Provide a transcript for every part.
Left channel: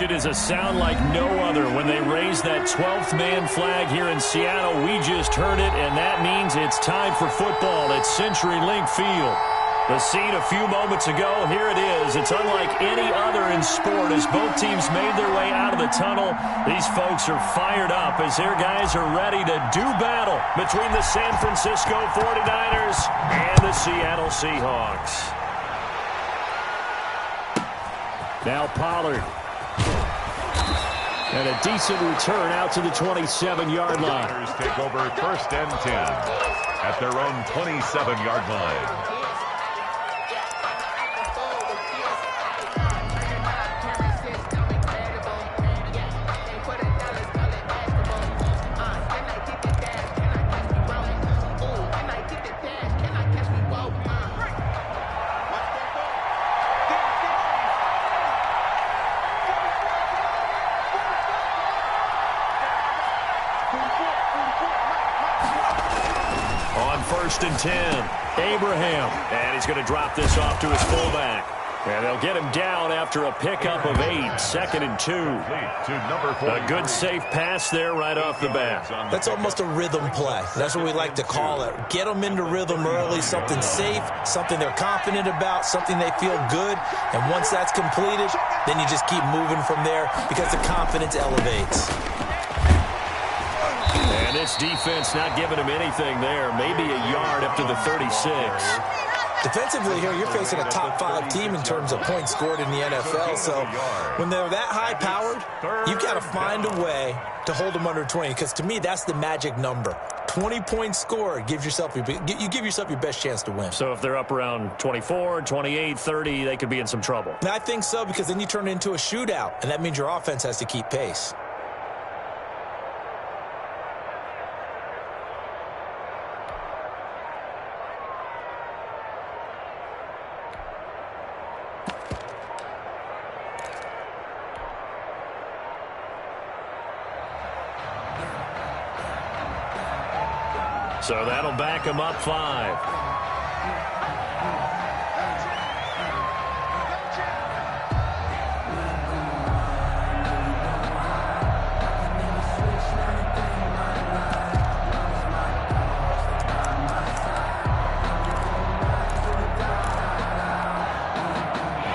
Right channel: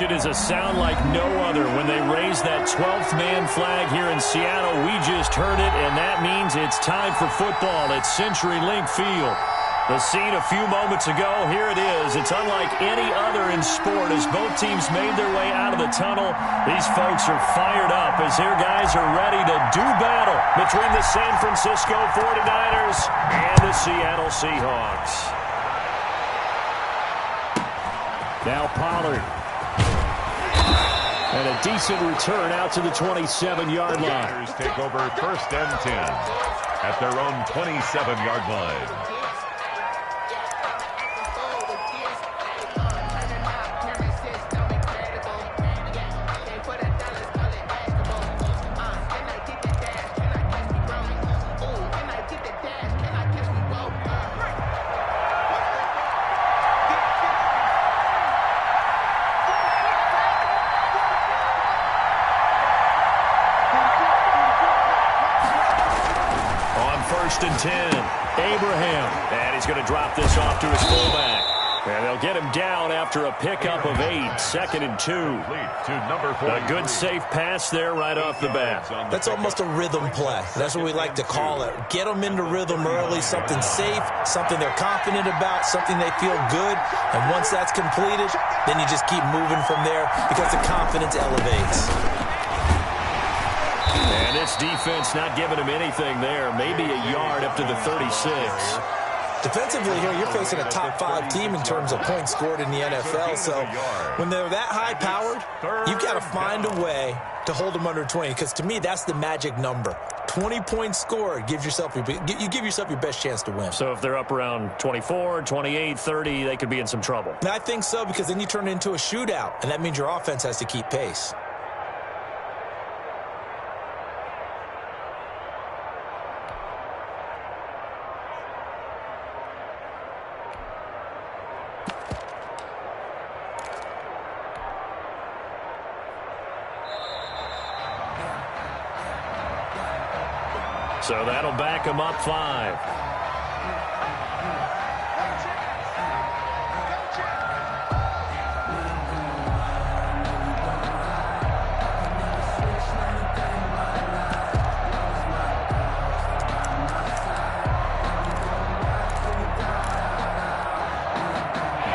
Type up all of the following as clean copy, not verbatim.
It is a sound like no other when they raise that 12th man flag here in Seattle. We just heard it, and that means it's time for football at CenturyLink Field. The scene a few moments ago, here it is. It's unlike any other in sport as both teams made their way out of the tunnel. These folks are fired up as their guys are ready to do battle between the San Francisco 49ers and the Seattle Seahawks. Now Pollard. And a decent return out to the 27-yard line. The Niners take over 1st and 10 at their own 27-yard line. First and 10. Abraham. And he's going to drop this off to his fullback. And they'll get him down after a pickup of 8. 2nd and 2. A good safe pass there right off the bat. That's almost a rhythm play. That's what we like to call it. Get them into rhythm early, something safe, something they're confident about, something they feel good. And once that's completed, then you just keep moving from there because the confidence elevates. And this defense not giving him anything there. Maybe a yard up to the 36. Defensively here, you're facing a top 5 team in terms of points scored in the NFL. So when they're that high-powered, you've got to find a way to hold them under 20. Because to me, that's the magic number. 20 points scored, you give yourself your best chance to win. So if they're up around 24, 28, 30, they could be in some trouble. And I think so, because then you turn it into a shootout, and that means your offense has to keep pace. So that'll back him up 5.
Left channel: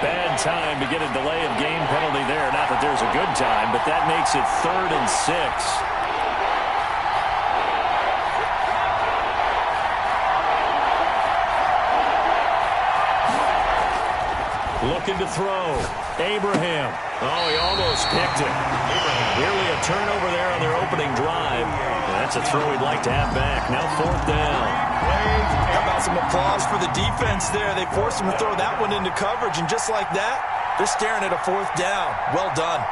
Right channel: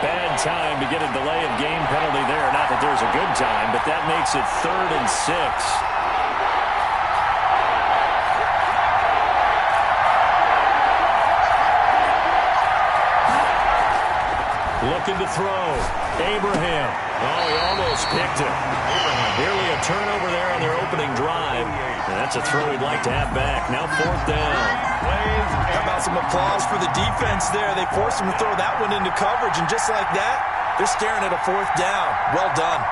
Bad time to get a delay of game penalty there. Not that there's a good time, but that makes it 3rd and 6. Looking to throw. Abraham. Oh, he almost picked it. Nearly a turnover there on their opening drive. And that's a throw he'd like to have back. Now 4th down. How about some applause for the defense there? They forced him to throw that one into coverage, and just like that, they're staring at a 4th down. Well done.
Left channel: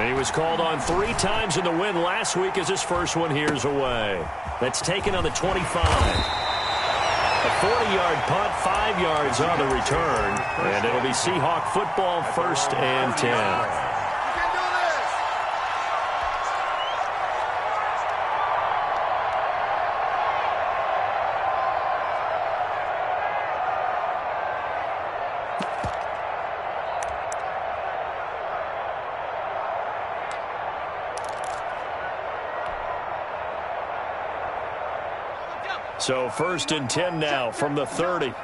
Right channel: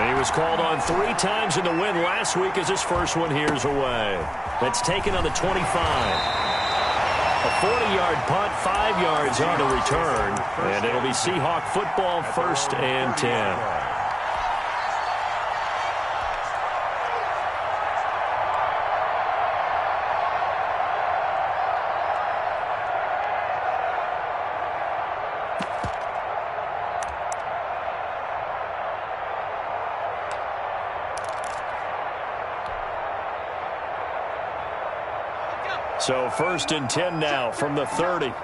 And he was called on 3 times in the win last week as his first one here's away. That's taken on the 25. A 40-yard punt, 5 yards on the return. And it'll be Seahawk football, 1st and 10. So 1st and 10 now from the 30.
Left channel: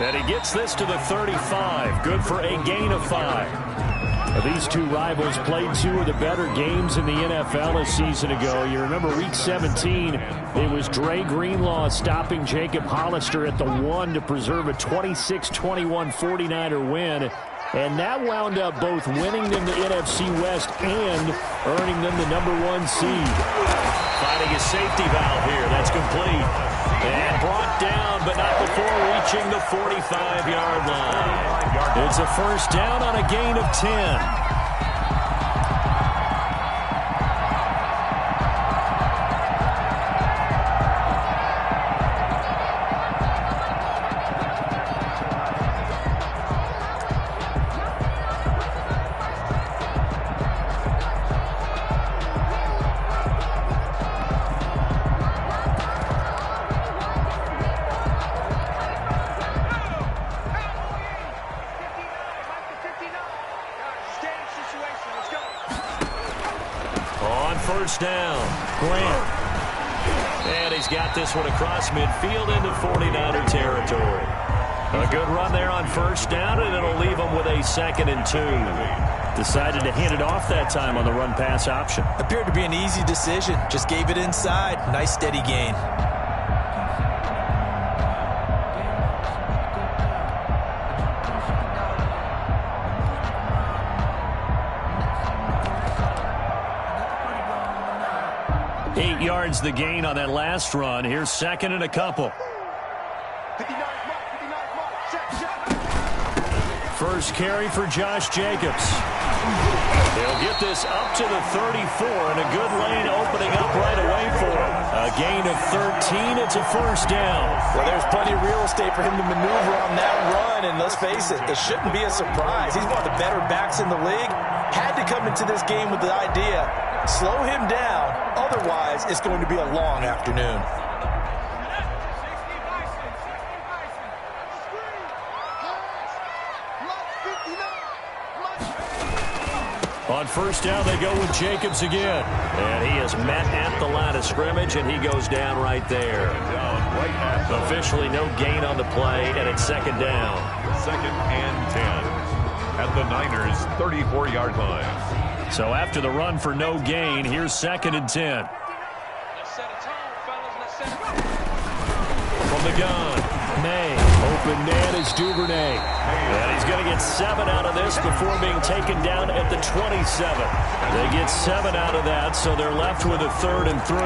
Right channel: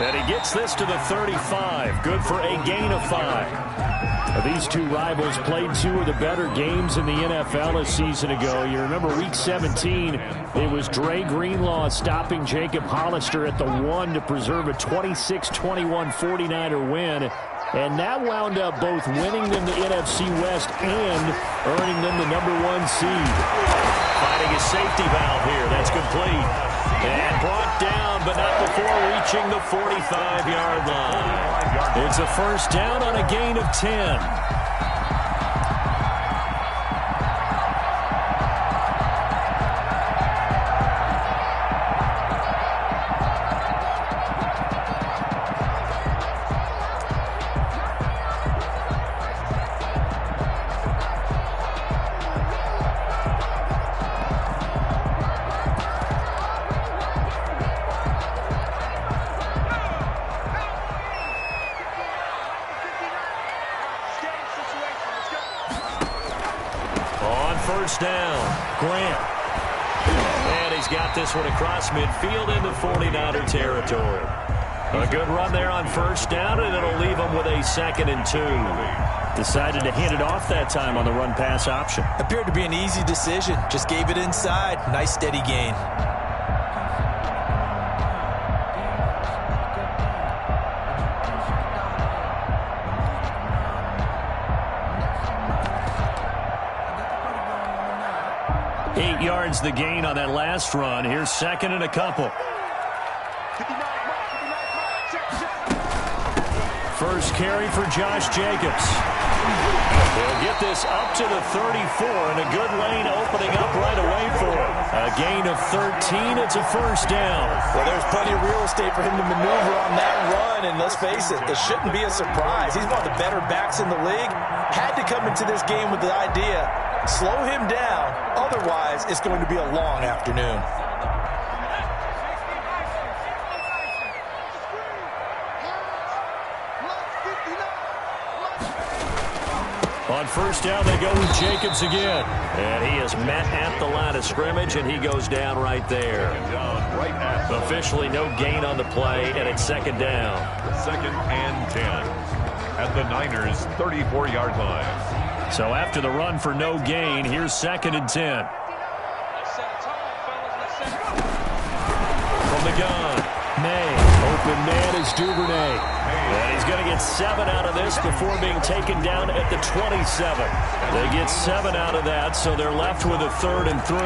And he gets this to the 35. Good for a gain of 5. These two rivals played 2 of the better games in the NFL a season ago. You remember week 17, it was Dre Greenlaw stopping Jacob Hollister at the 1 to preserve a 26-21 49er win. And that wound up both winning them the NFC West and earning them the #1 seed. Finding a safety valve here. That's complete. And brought down, but not before reaching the 45-yard line. It's a 1st down on a gain of 10. first down. Grant. And he's got this one across midfield into 49er territory. A good run there on first down, and it'll leave him with a 2nd and 2. Decided to hand it off that time on the run-pass option. Appeared to be an easy decision. Just gave it inside. Nice steady gain. Eight yards the gain on that last run. Here's 2nd and a couple. First carry for Josh Jacobs. They'll get this up to the 34, and a good lane opening up right away for him. A gain of 13. It's a first down. Well, there's plenty of real estate for him to maneuver on that run, and let's face it, it shouldn't be a surprise. He's one of the better backs in the league. Had to come into this game with the idea, slow him down, otherwise it's going to be a long afternoon. On first down, they go with Jacobs again. And he is met at the line of scrimmage, and he goes down right there. Officially no gain on the play, and it's 2nd down. 2nd and 10 at the Niners' 34-yard line. So after the run for no gain, here's 2nd and 10. From the gun, May. Open man is Duvernay. And he's going to get 7 out of this before being taken down at the 27. They get 7 out of that, so they're left with a 3rd and 3.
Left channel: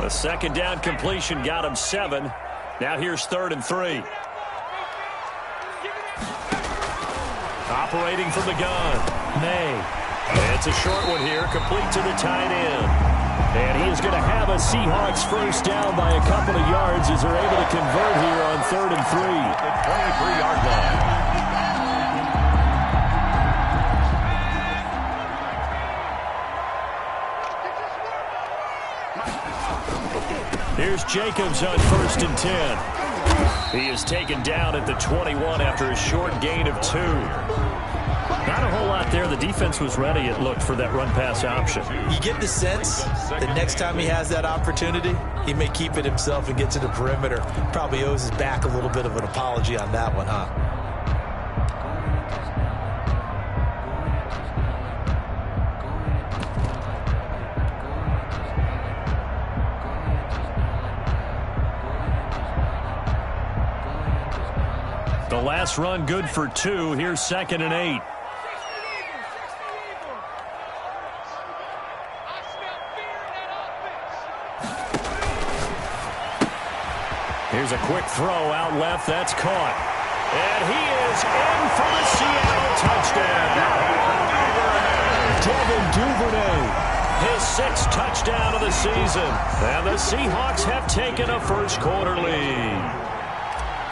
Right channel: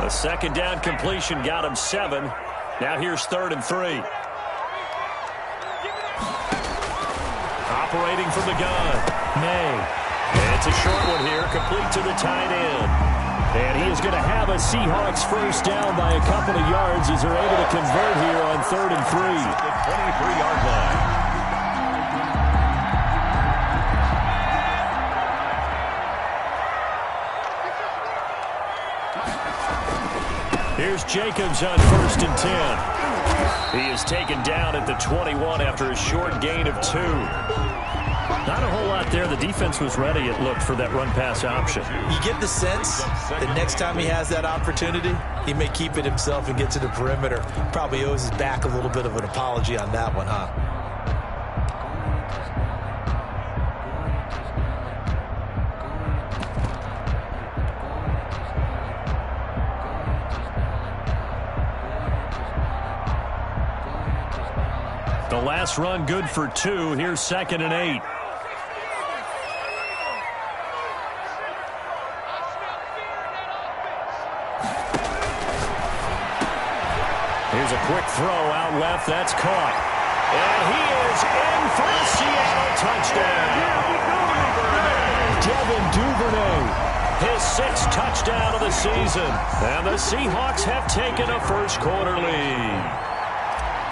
A 2nd down completion got him 7. Now here's 3rd and 3. Operating from the gun, May. It's a short one here, complete to the tight end. And he is going to have a Seahawks first down by a couple of yards as they're able to convert here on 3rd and 3. The 23-yard line. Here's Jacobs on 1st and 10. He is taken down at the 21 after a short gain of 2. Not a whole lot there. The defense was ready, it looked, for that run-pass option. You get the sense that next time he has that opportunity, he may keep it himself and get to the perimeter. Probably owes his back a little bit of an apology on that one, huh? The last run good for 2. Here's 2nd and 8. Here's a quick throw out left. That's caught. And he is in for the Seattle touchdown. Devin Duvernay, his 6th touchdown of the season. And the Seahawks have taken a first-quarter lead.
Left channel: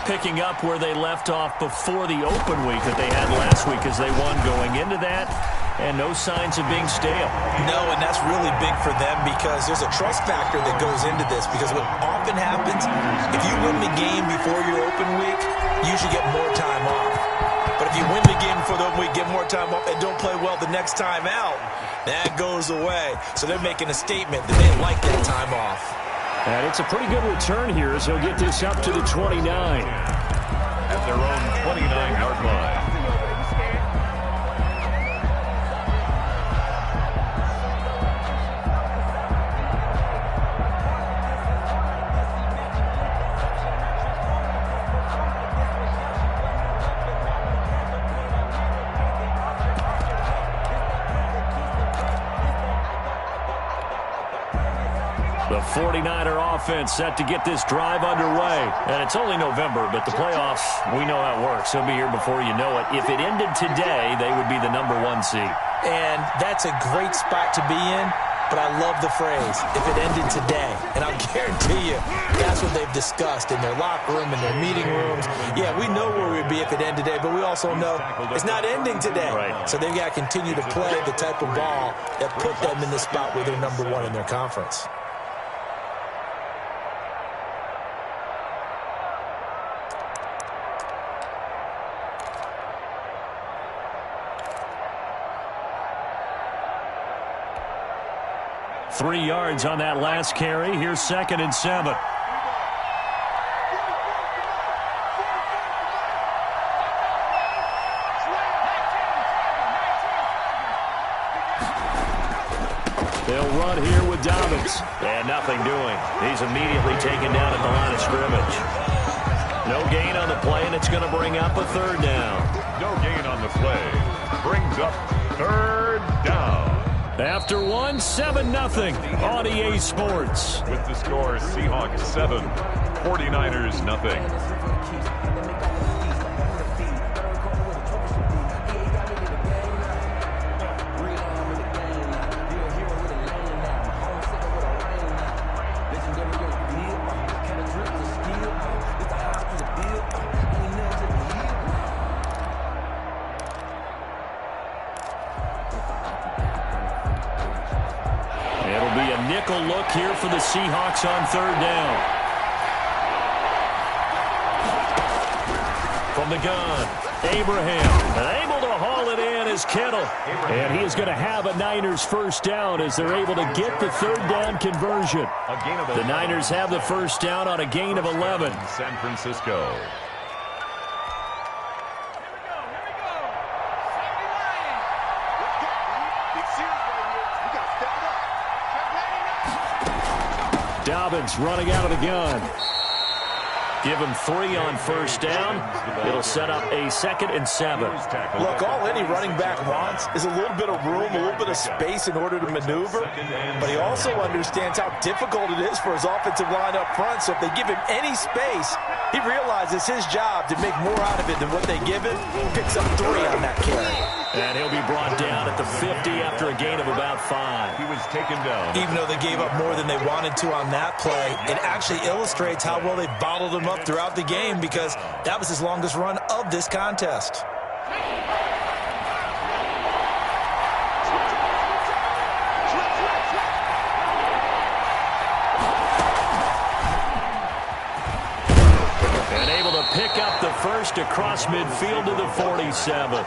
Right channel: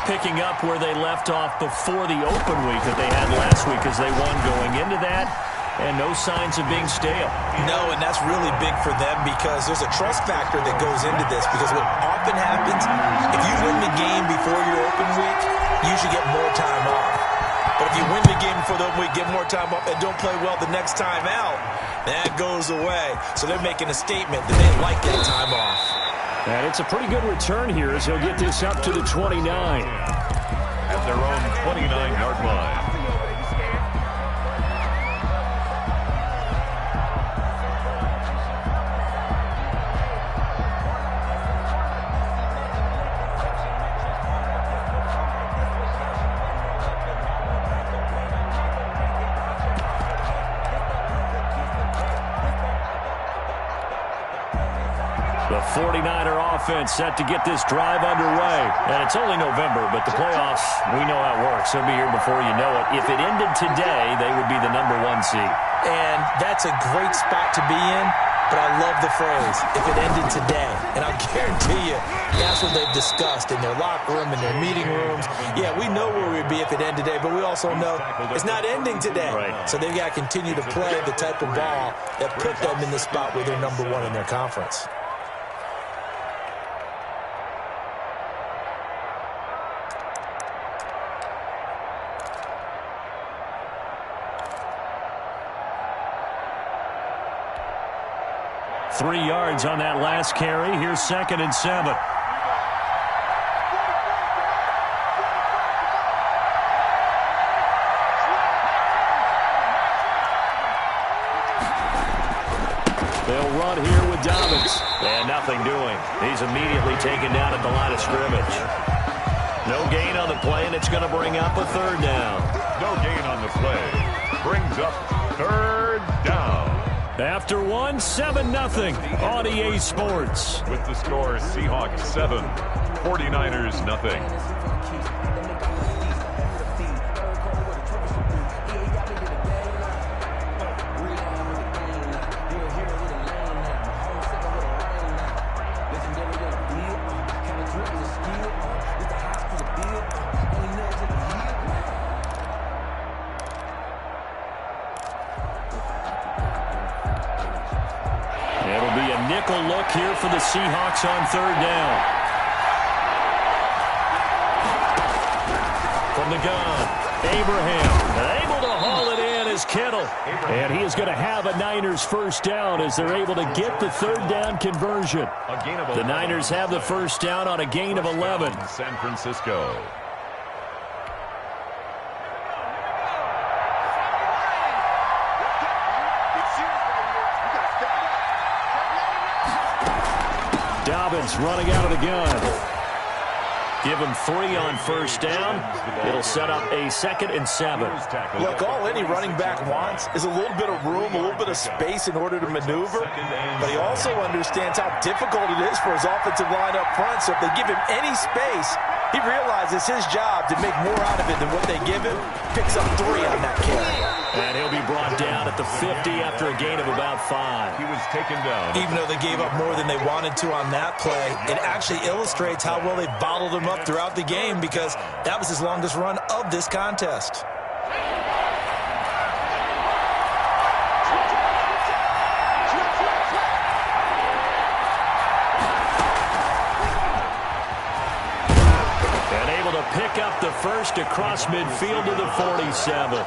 Picking up where they left off before the open week that they had last week as they won going into that, and no signs of being stale. No, and that's really big for them because there's a trust factor that goes into this, because what often happens, if you win the game before your open week, you should get more time off. But if you win the game before the open week, get more time off, and don't play well the next time out, that goes away. So they're making a statement that they like that time off. And it's a pretty good return here as he'll get this up to the 29. At their own 29-yard line. The 49er offense set to get this drive underway. And it's only November, but the playoffs, we know how it works. They'll be here before you know it. If it ended today, they would be the #1 seed. And that's a great spot to be in, but I love the phrase, if it ended today. And I'll guarantee you, that's what they've discussed in their locker room, in their meeting rooms. Yeah, we know where we'd be if it ended today, but we also know it's not ending today. Right. So they've got to continue to play the type of ball that put them in the spot where they're #1 in their conference. 3 yards on that last carry. Here's 2nd and 7. They'll run here with Dobbins. And nothing doing. He's immediately taken down at the line of scrimmage. No gain on the play, and it's going to bring up a 3rd down. No gain on the play. Brings up 3rd down. After 1, 7-0 on EA Sports. With the score, Seahawks 7, 49ers nothing. It'll be a nickel look here for the Seahawks on 3rd down. From the gun, Abraham, able to haul it in as Kittle. And he is going to have a Niners 1st down as they're able to get the 3rd down conversion. The Niners have the 1st down on a gain of 11. San Francisco. Dobbins running out of the gun. Give him 3 on 1st down. It'll set up a 2nd and 7. Look, all any running back wants is a little bit of room, a little bit of space in order to maneuver. But he also understands how difficult it is for his offensive line up front. So if they give him any space, he realizes his job to make more out of it than what they give him. Picks up 3 on that carry. And he'll be brought down at the 50 after a gain of about 5. He was taken down. Even though they gave up more than they wanted to on that play, it actually illustrates how well they bottled him up throughout the game, because that was his longest run of this contest. And able to pick up the 1st across midfield to the 47.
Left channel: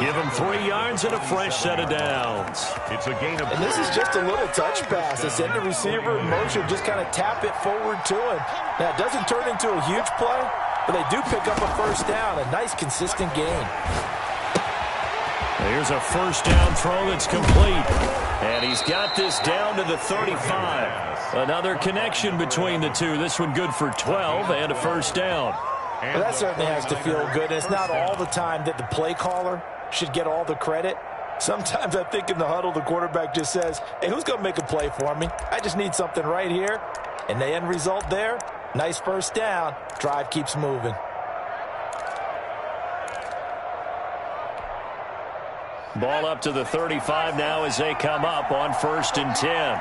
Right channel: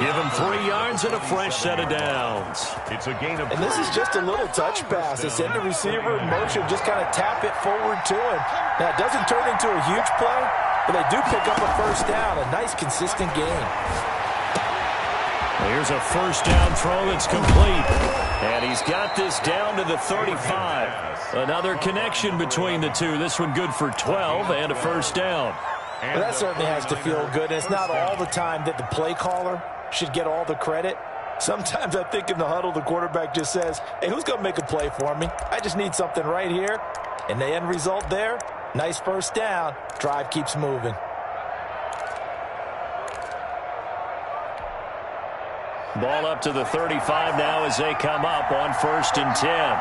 Give him 3 yards and a fresh set of downs. It's a gain of 3. And this is just a little touch pass. They send the receiver in motion, just kind of tap it forward to him. Now, it doesn't turn into a huge play, but they do pick up a 1st down. A nice, consistent gain. Here's a 1st down throw that's complete. And he's got this down to the 35. Another connection between the two. This one good for 12 and a 1st down. Well, that certainly has to feel good. And it's not all the time that the play caller should get all the credit. Sometimes I think in the huddle, the quarterback just says, hey, who's going to make a play for me? I just need something right here. And the end result there, nice 1st down. Drive keeps moving. Ball up to the 35 now as they come up on 1st and 10.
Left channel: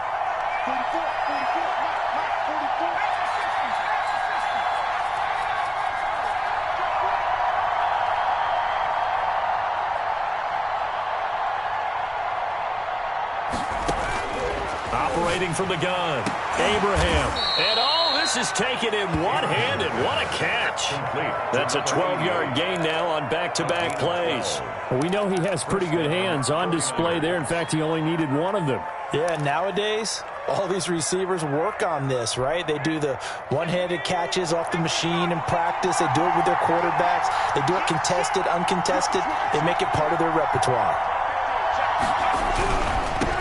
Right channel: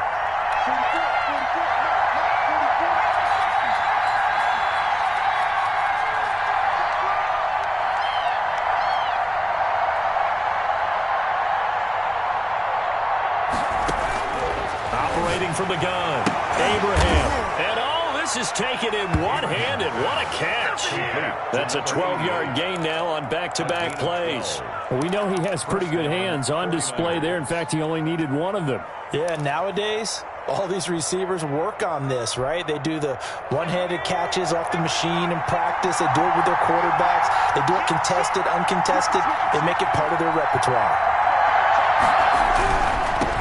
Operating from the gun, Abraham. And all this is taken in one-handed. What a catch. That's a 12-yard gain now on back-to-back plays. Well, we know he has pretty good hands on display there. In fact, he only needed one of them. Yeah, nowadays, all these receivers work on this, right? They do the one-handed catches off the machine in practice. They do it with their quarterbacks. They do it contested, uncontested. They make it part of their repertoire.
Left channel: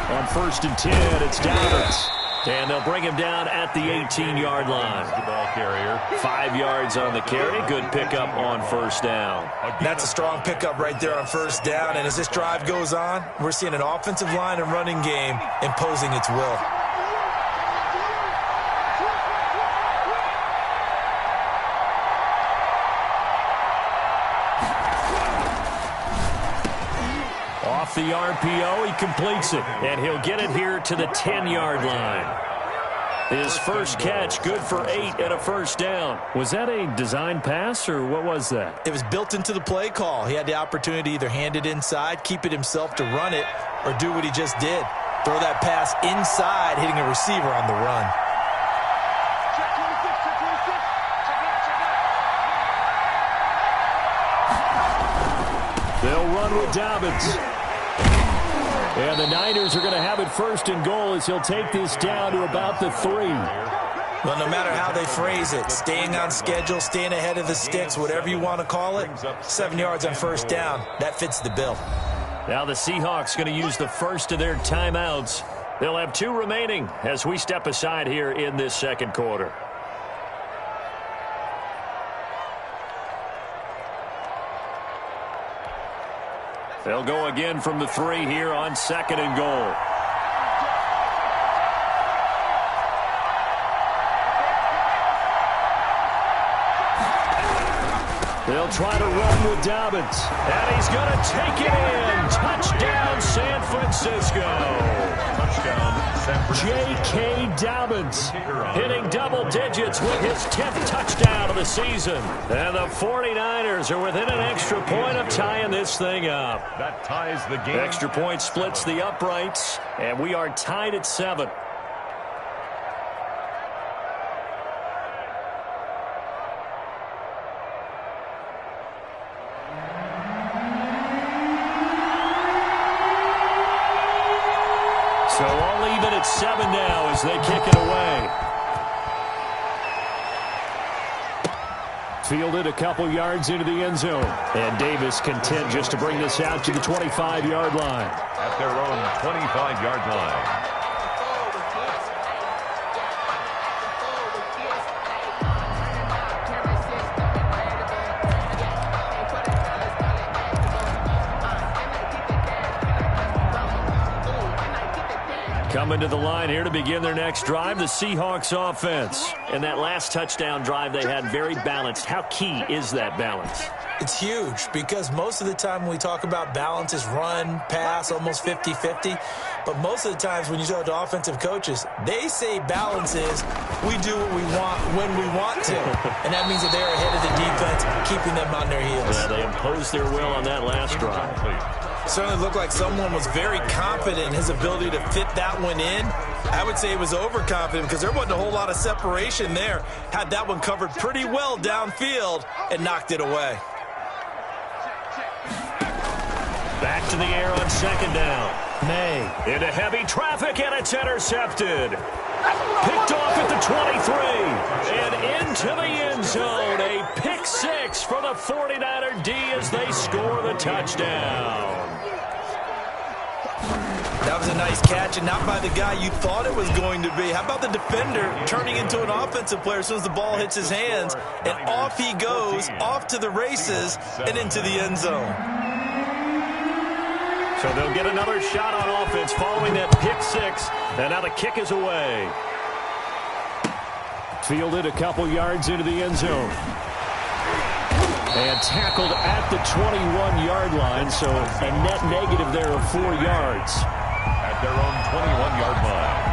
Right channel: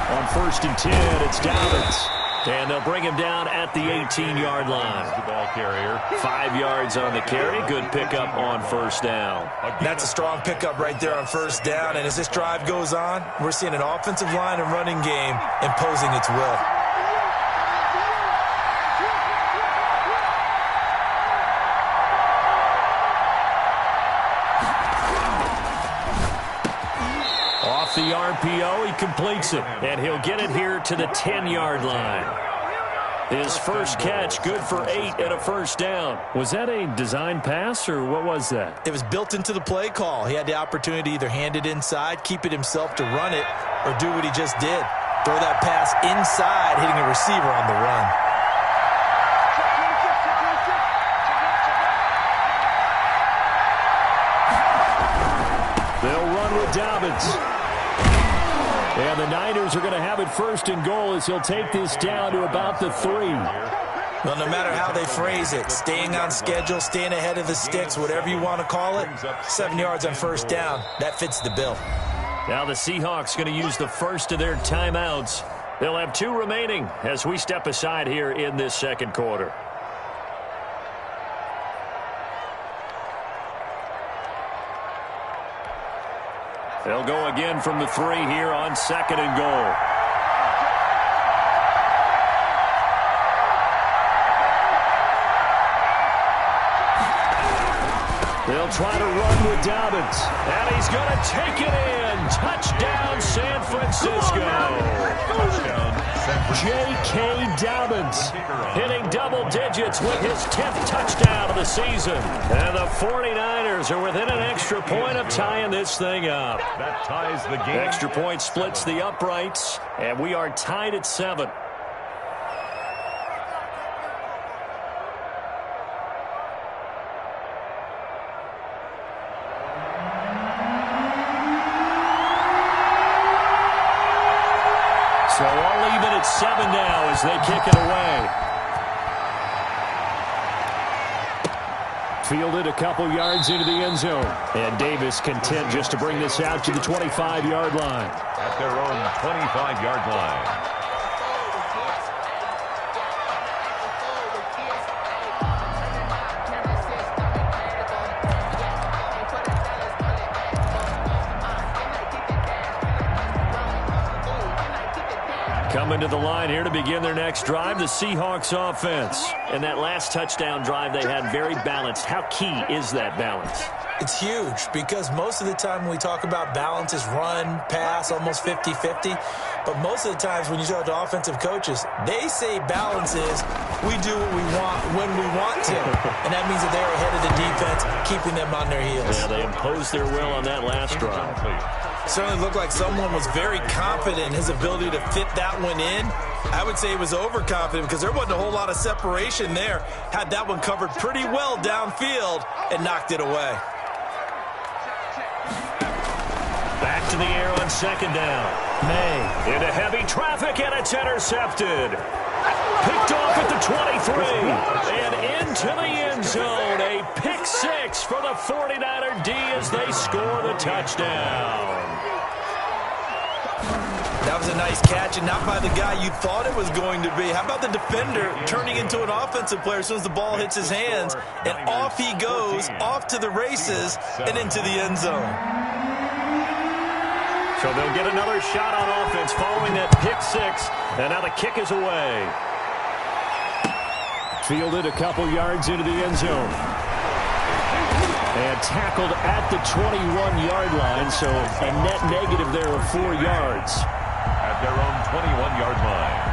On 1st and 10, it's Dobbins. And they'll bring him down at the 18-yard line. The ball carrier. 5 yards on the carry. Good pickup on 1st down. That's a strong pickup right there on 1st down. And as this drive goes on, we're seeing an offensive line and running game imposing its will. Off the RPO, he completes it. And he'll get it here to the 10-yard line. His first catch, good for 8 and a 1st down. Was that a design pass, or what was that? It was built into the play call. He had the opportunity to either hand it inside, keep it himself to run it, or do what he just did. Throw that pass inside, hitting a receiver on the run. They'll run with Dobbins. And the Niners are going to have it first and goal as he'll take this down to about the 3. Well, no matter how they phrase it, staying on schedule, staying ahead of the sticks, whatever you want to call it, 7 yards on first down, that fits the bill. Now the Seahawks going to use the first of their timeouts. They'll have 2 remaining as we step aside here in this second quarter. They'll go again from the 3 here on 2nd and goal. They'll try to run with Dobbins. And he's going to take it in. Touchdown, San Francisco. Touchdown, San Francisco. J.K. Dobbins hitting double digits with his 10th touchdown of the season. And the 49ers are within an extra point of tying this thing up. That ties the game. Extra point splits the uprights, and we are tied at 7. So all even at 7 now as they kick it away. Fielded a couple yards into the end zone. And Davis content just to bring this out to the 25-yard line. At their own 25-yard line. Coming to the line here to begin their next drive, the Seahawks offense. And that last touchdown drive they had very balanced. How key is that balance? It's huge because most of the time when we talk about balance is run, pass, almost 50-50. But most of the times when you talk to offensive coaches, they say balance is we do what we want when we want to. And that means that they're ahead of the defense, keeping them on their heels. Yeah, they imposed their will on that last drive. Certainly looked like someone was very confident in his ability to fit that one in. I would say he was overconfident because there wasn't a whole lot of separation there. Had that one covered pretty well downfield and knocked it away. Back to the air on 2nd down. May into heavy traffic, and it's intercepted. Picked off at the 23 and into the end zone. A pick 6 for the 49er D as they score the touchdown. That was a nice catch, and not by the guy you thought it was going to be. How about the defender turning into an offensive player as soon as the ball hits his hands, and off he goes, off to the races, and into the end zone. So they'll get another shot on offense following that pick 6, and now the kick is away. Fielded a couple yards into the end zone. And tackled at the 21-yard line, so a net negative there of 4 yards. At their own 21-yard line.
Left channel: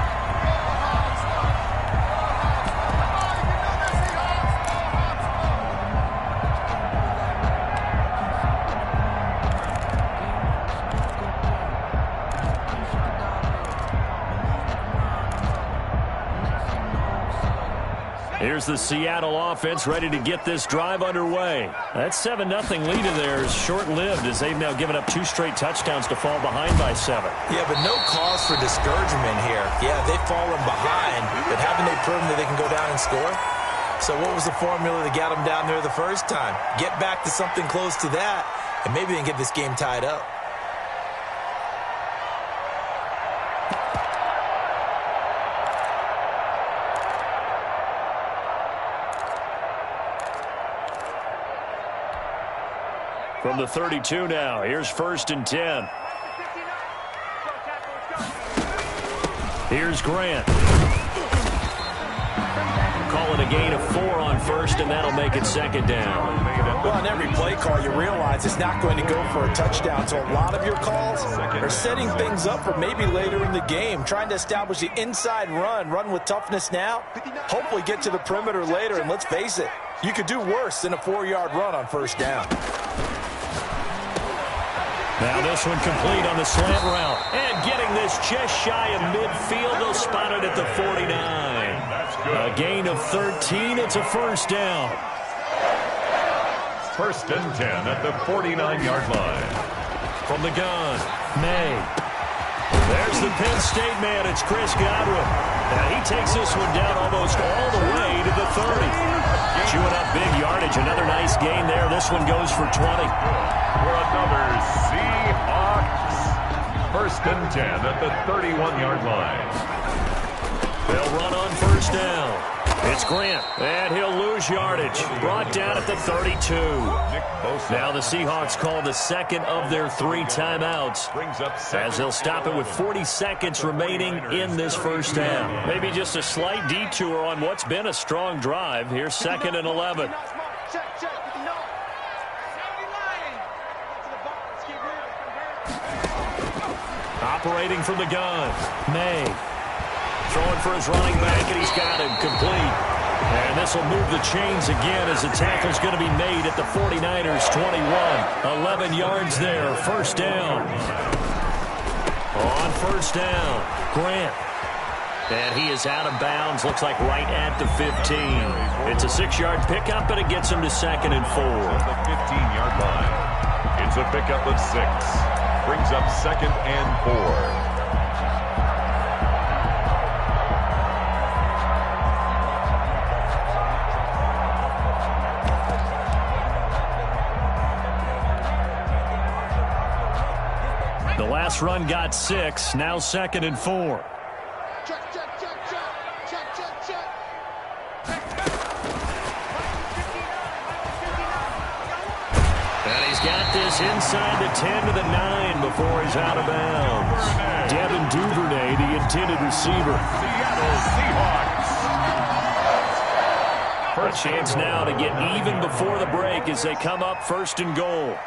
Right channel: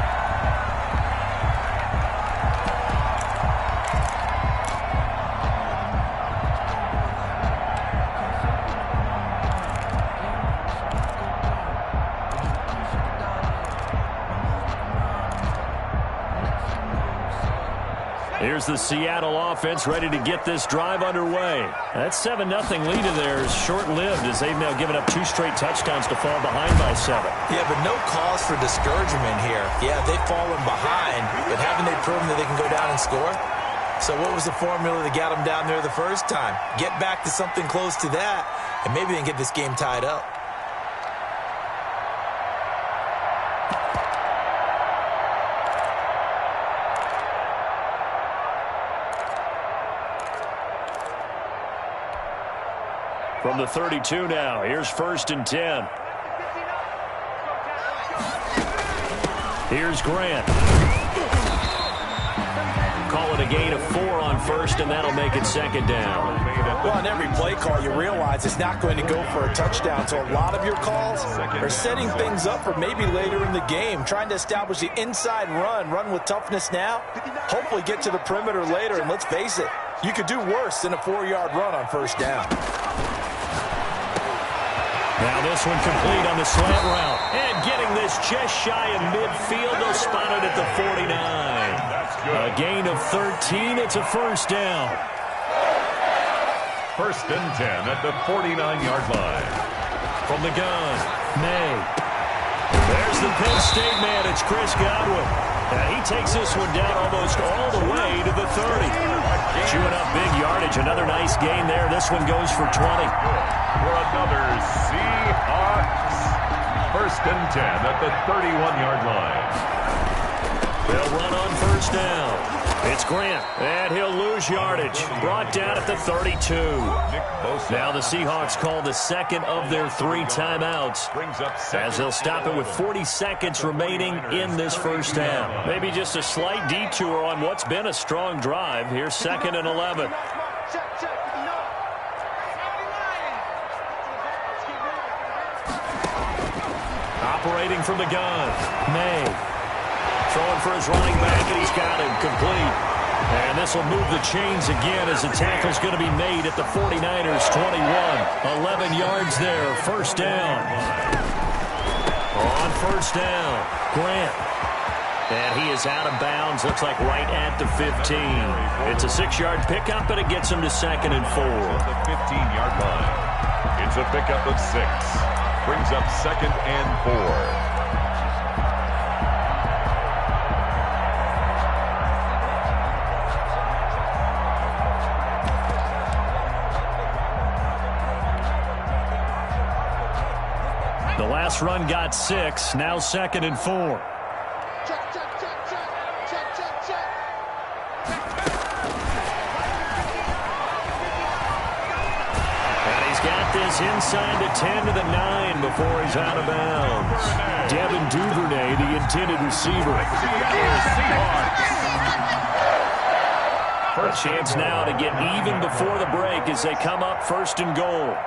Here's the Seattle offense ready to get this drive underway. That 7-0 lead in there is short-lived as they've now given up 2 straight touchdowns to fall behind by 7. Yeah, but no cause for discouragement here. Yeah, they've fallen behind, but haven't they proven that they can go down and score? So what was the formula that got them down there the first time? Get back to something close to that, and maybe they can get this game tied up. From the 32 now, here's 1st and 10. Here's Grant. Call it a gain of 4 on 1st, and that'll make it 2nd down. Well, on every play call, you realize it's not going to go for a touchdown. So a lot of your calls are setting things up for maybe later in the game, trying to establish the inside run with toughness now, hopefully get to the perimeter later, and let's face it, you could do worse than a 4-yard run on 1st down. Now this one complete on the slant route. And getting this just shy of midfield. They'll spot it at the 49. That's good. A gain of 13. It's a 1st down. 1st and 10 at the 49-yard line. From the gun, May. There's the Penn State man. It's Chris Godwin. Now he takes this one down almost all the way to the 30. Chewing up big yardage. Another nice gain there. This one goes for 20. For another Seahawks. 1st and 10 at the 31-yard line. They'll run on 1st down. It's Grant, and he'll lose yardage. Brought down at the 32. Now the Seahawks call the second of their 3 timeouts, as they'll stop it with 40 seconds remaining in this 1st down. Maybe just a slight detour on what's been a strong drive. Here's 2nd and 11. Operating from the gun, May. Throwing for his running back, and he's got him complete. And this will move the chains again as the tackle's going to be made at the 49ers' 21. 11 yards there, 1st down. On 1st down, Grant. And he is out of bounds, looks like right at the 15. It's a 6-yard pickup, and it gets him to 2nd and 4. The 15-yard line. It's a pickup of 6. Brings up 2nd and 4. The last run got 6. Now 2nd and 4. And he's got this inside the 10 to the 9 before he's out of bounds. Devin Duvernay, the intended receiver. Seattle Seahawks. A chance now to get even before the break as they come up 1st and goal.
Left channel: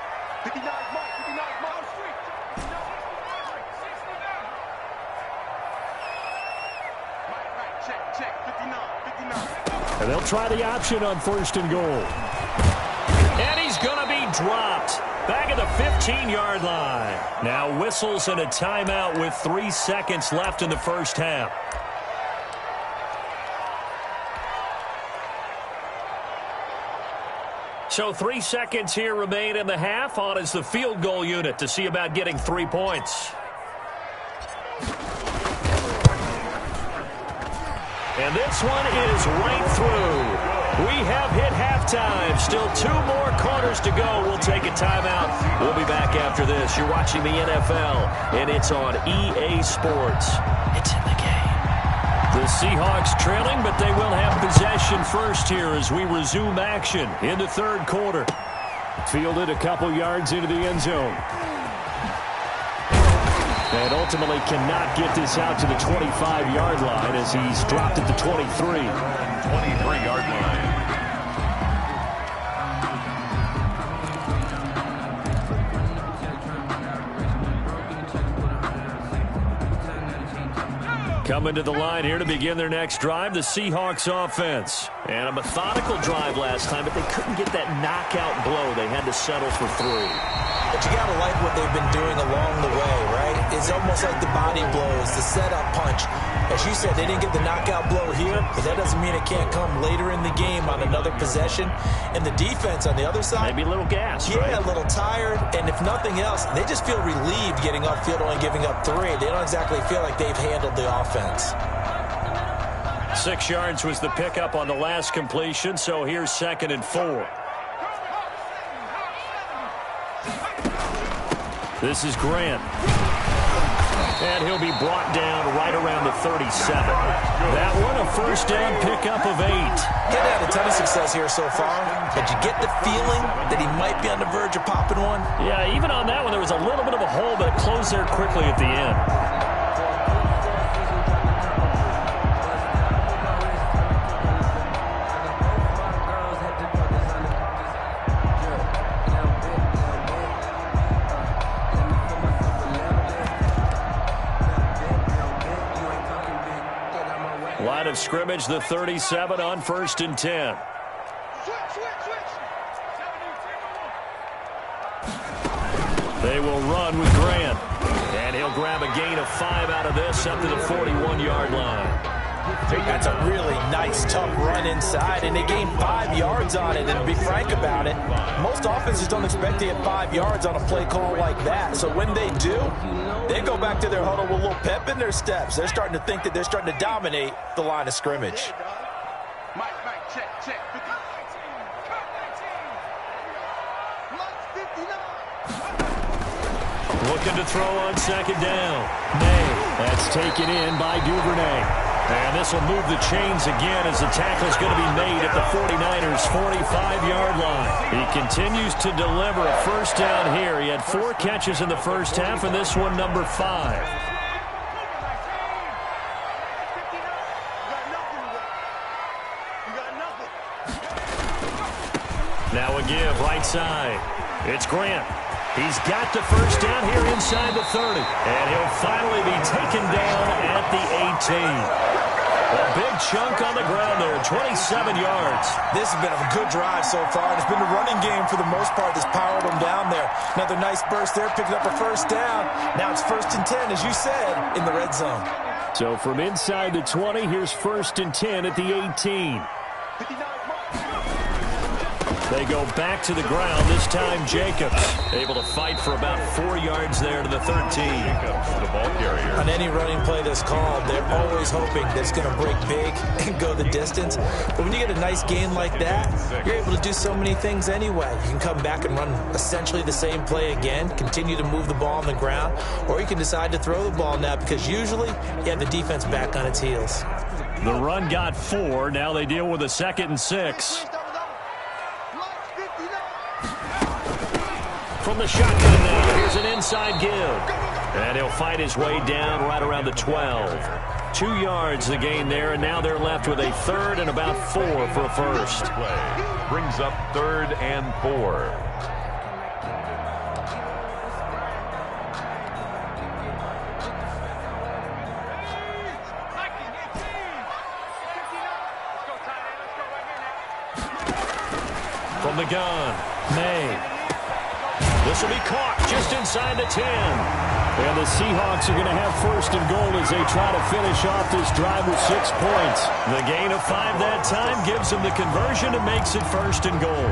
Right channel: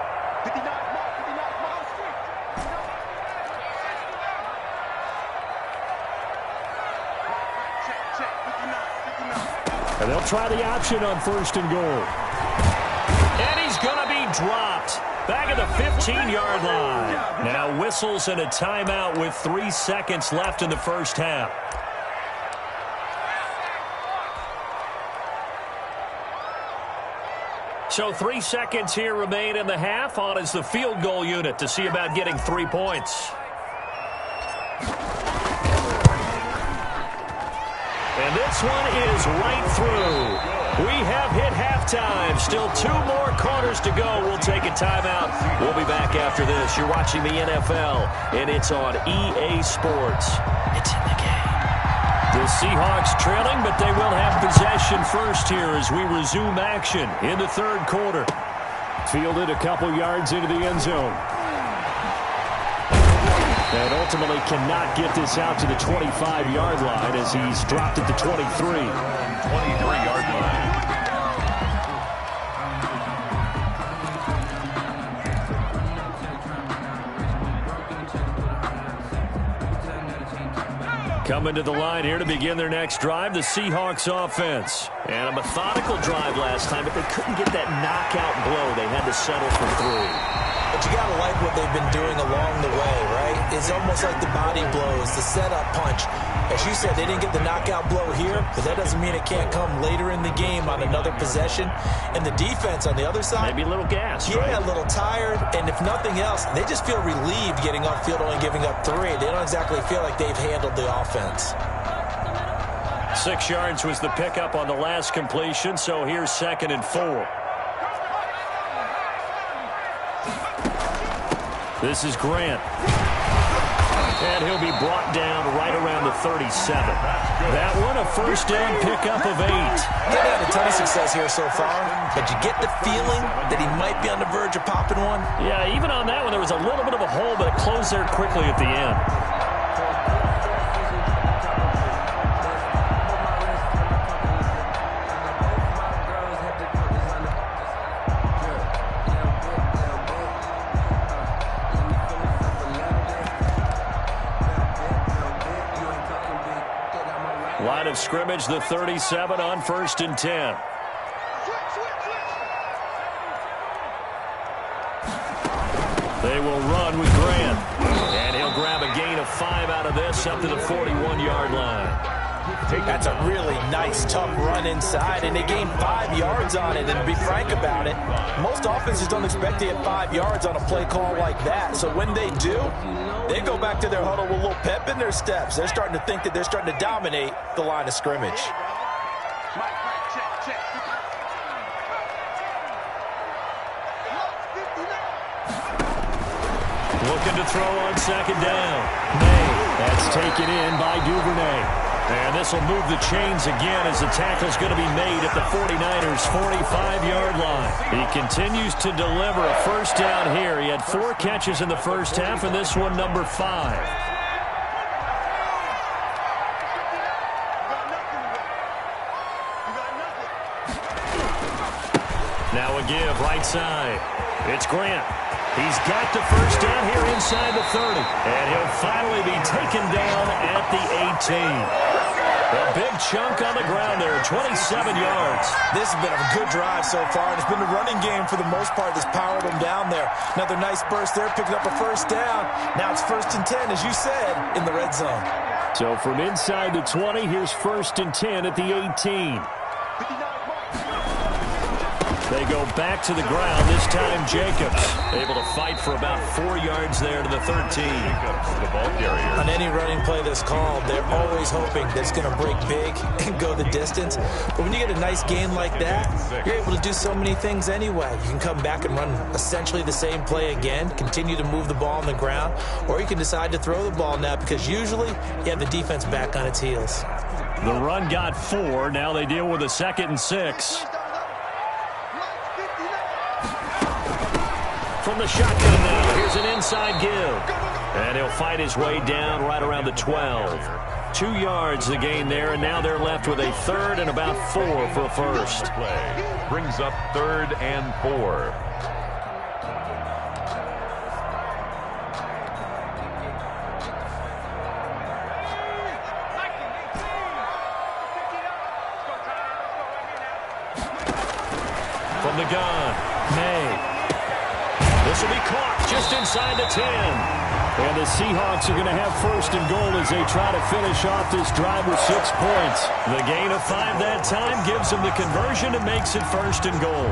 And they'll try the option on 1st and goal. And he's going to be dropped. Back at the 15-yard line. Now whistles and a timeout with 3 seconds left in the 1st half. So 3 seconds here remain in the half. On is the field goal unit to see about getting 3 points. And this one is right through. We have hit halftime. Still 2 more quarters to go. We'll take a timeout. We'll be back after this. You're watching the NFL, and it's on EA Sports. It's in the game. The Seahawks trailing, but they will have possession first here as we resume action in the 3rd quarter. Fielded a couple yards into the end zone. And ultimately cannot get this out to the 25-yard line as he's dropped at the 23. 23-yard line. Coming to the line here to begin their next drive, the Seahawks offense. And a methodical drive last time, but they couldn't get that knockout blow. They had to settle for 3. But you got to like what they've been doing along the way, right? It's almost like the body blows, the setup punch. As you said, they didn't get the knockout blow here, but that doesn't mean it can't come later in the game on another possession. And the defense on the other side, maybe a little gassed, yeah, right? a little tired. And if nothing else, they just feel relieved getting upfield, only giving up 3. They don't exactly feel like they've handled the offense. 6 yards was the pickup on the last completion, so here's 2nd and 4. This is Grant. And he'll be brought down right around the 37. That one, a 1st down pickup of 8. He's had a ton of success here so far, but you get the feeling that he might be on the verge of popping one. Yeah, even on that one, there was a little bit of a hole, but it closed there quickly at the end. Line of scrimmage, the 37 on 1st and 10. They will run with Grant. And he'll grab a gain of 5 out of this up to the 41-yard line. That's a really nice, tough run inside, and they gained 5 yards on it. And to be frank about it, most offenses don't expect to get 5 yards on a play call like that. So when they do, they go back to their huddle with a little pep in their steps. They're starting to think that they're starting to dominate the line of scrimmage. Mike, check. Looking to throw on second down. May. That's taken in by Duvernay. And this will move the chains again as the tackle's going to be made at the 49ers' 45-yard line. He continues to deliver a first down here. He had 4 catches in the first half, and this one number 5. Now a give right side. It's Grant. He's got the first down here inside the 30. And he'll finally be taken down at the 18. A big chunk on the ground there, 27 yards. This has been a good drive so far, and it's been a running game for the most part that's powered them down there. Another nice burst there, picking up a first down. Now it's 1st and 10, as you said, in the red zone. So from inside the 20, here's 1st and 10 at the 18. They go back to the ground, this time Jacobs. Able to fight for about 4 yards there to the 13. Jacobs, the ball carrier. On any running play that's called, they're always hoping that it's going to break big and go the distance. But when you get a nice gain like that, you're able to do so many things anyway. You can come back and run essentially the same play again, continue to move the ball on the ground, or you can decide to throw the ball now because usually you have the defense back on its heels. The run got 4. Now they deal with a 2nd and 6. From the shotgun now, here's an inside give. And he'll fight his way down right around the 12. 2 yards the gain there, and now they're left with a 3rd and about 4 for a first. Play brings up 3rd and 4. From the gun, May. This will be caught just inside the 10. And the Seahawks are going to have 1st and goal as they try to finish off this drive with 6 points. The gain of 5 that time gives them the conversion and makes it 1st and goal.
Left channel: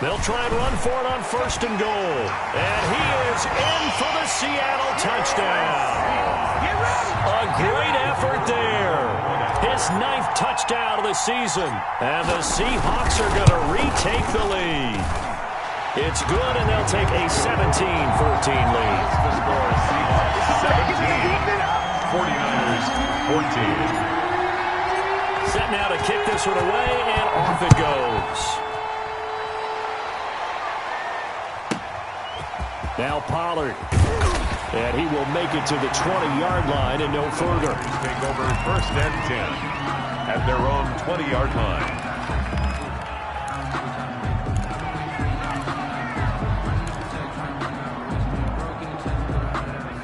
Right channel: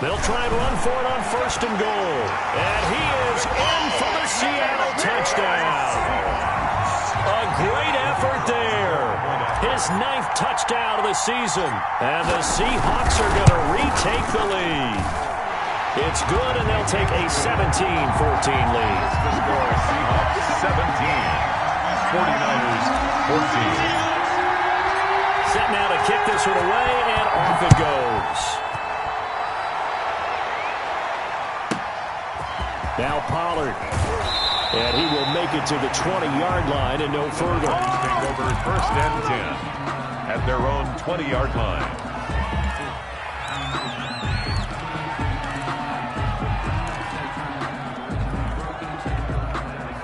They'll try and run for it on 1st and goal. And he is in for the Seattle touchdown. A great effort there. His 9th touchdown of the season. And the Seahawks are going to retake the lead. It's good, and they'll take a 17-14 lead. The score, Seahawks 17, 49ers 14. Set now to kick this one away, and off it goes. Now Pollard. And he will make it to the 20-yard line and no further. Take over 1st and 10 at their own 20-yard line.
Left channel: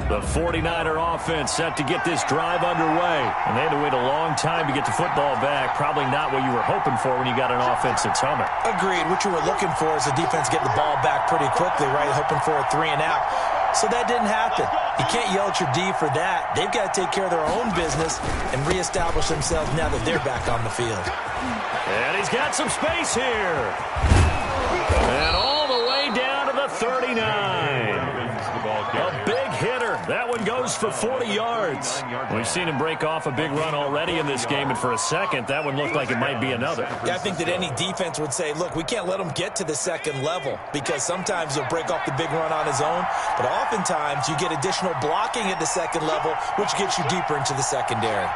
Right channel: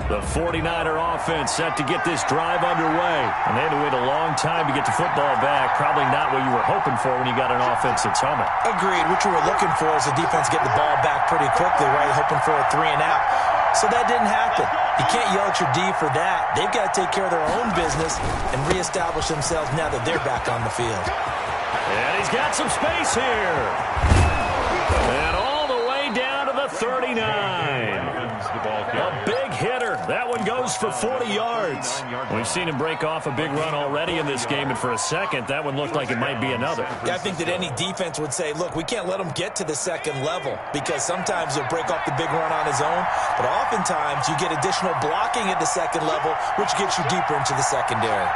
The 49er offense set to get this drive underway. And they had to wait a long time to get the football back. Probably not what you were hoping for when you got an offense that's humming. Agreed. What you were looking for is the defense getting the ball back pretty quickly, right? Hoping for a 3 and out. So that didn't happen. You can't yell at your D for that. They've got to take care of their own business and reestablish themselves now that they're back on the field. And he's got some space here. And all the way down to the 39. A big hitter. That one goes for 40 yards. We've seen him break off a big run already in this game, and for a second, that one looked like it might be another. Yeah, I think that any defense would say, look, we can't let him get to the 2nd level because sometimes he'll break off the big run on his own, but oftentimes you get additional blocking at the 2nd level, which gets you deeper into the secondary.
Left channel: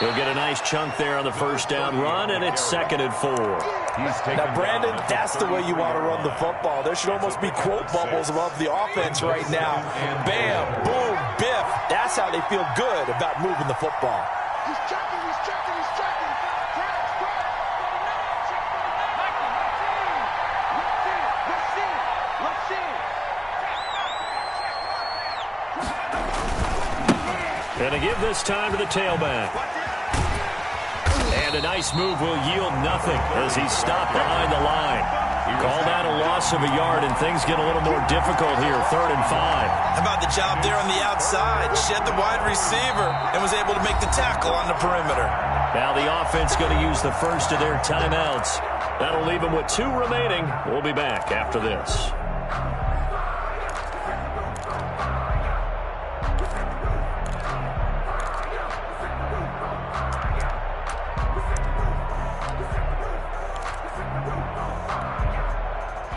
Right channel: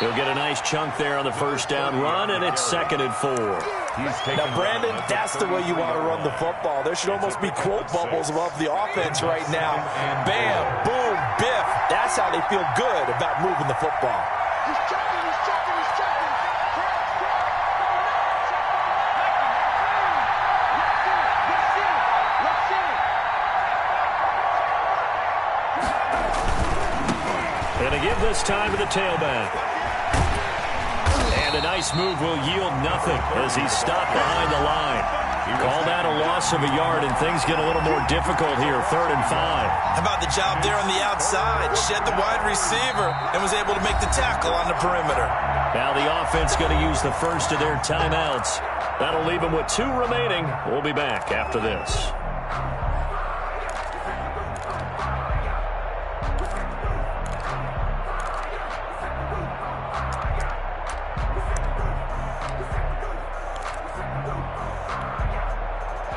He'll get a nice chunk there on the 1st down run, and it's 2nd and 4. Now, Brandon, that's the way you want to run the football. There should almost be quote bubbles above the offense right now. Bam, boom, biff. That's how they feel good about moving the football. He's checking. Crash. Let's see. And to give this time to the tailback. And a nice move will yield nothing as he's stopped behind the line. Call that a loss of a yard, and things get a little more difficult here, 3rd and 5. How about the job there on the outside? Shed the wide receiver and was able to make the tackle on the perimeter. Now the offense going to use the first of their timeouts. That'll leave them with 2 remaining. We'll be back after this.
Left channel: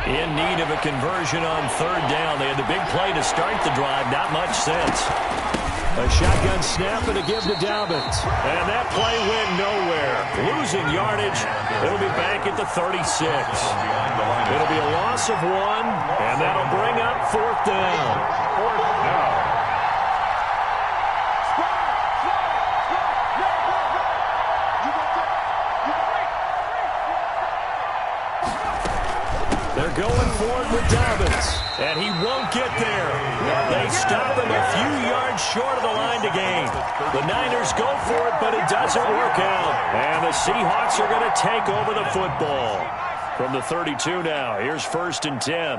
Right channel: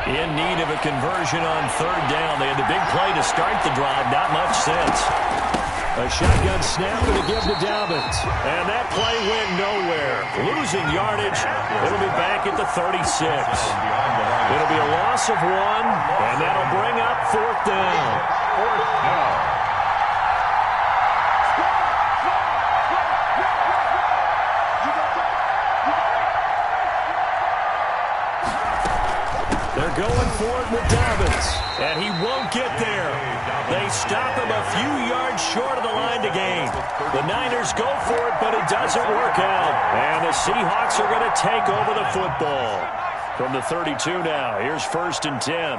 In need of a conversion on 3rd down. They had the big play to start the drive. Not much sense. A shotgun snap and a give to Dobbins. And that play went nowhere. Losing yardage. It'll be back at the 36. It'll be a loss of 1, and that'll bring up 4th down. 4th down. They're going for it with Dobbins, and he won't get there. They stop him a few yards short of the line to gain. The Niners go for it, but it doesn't work out. And the Seahawks are going to take over the football. From the 32 now, here's 1st and 10.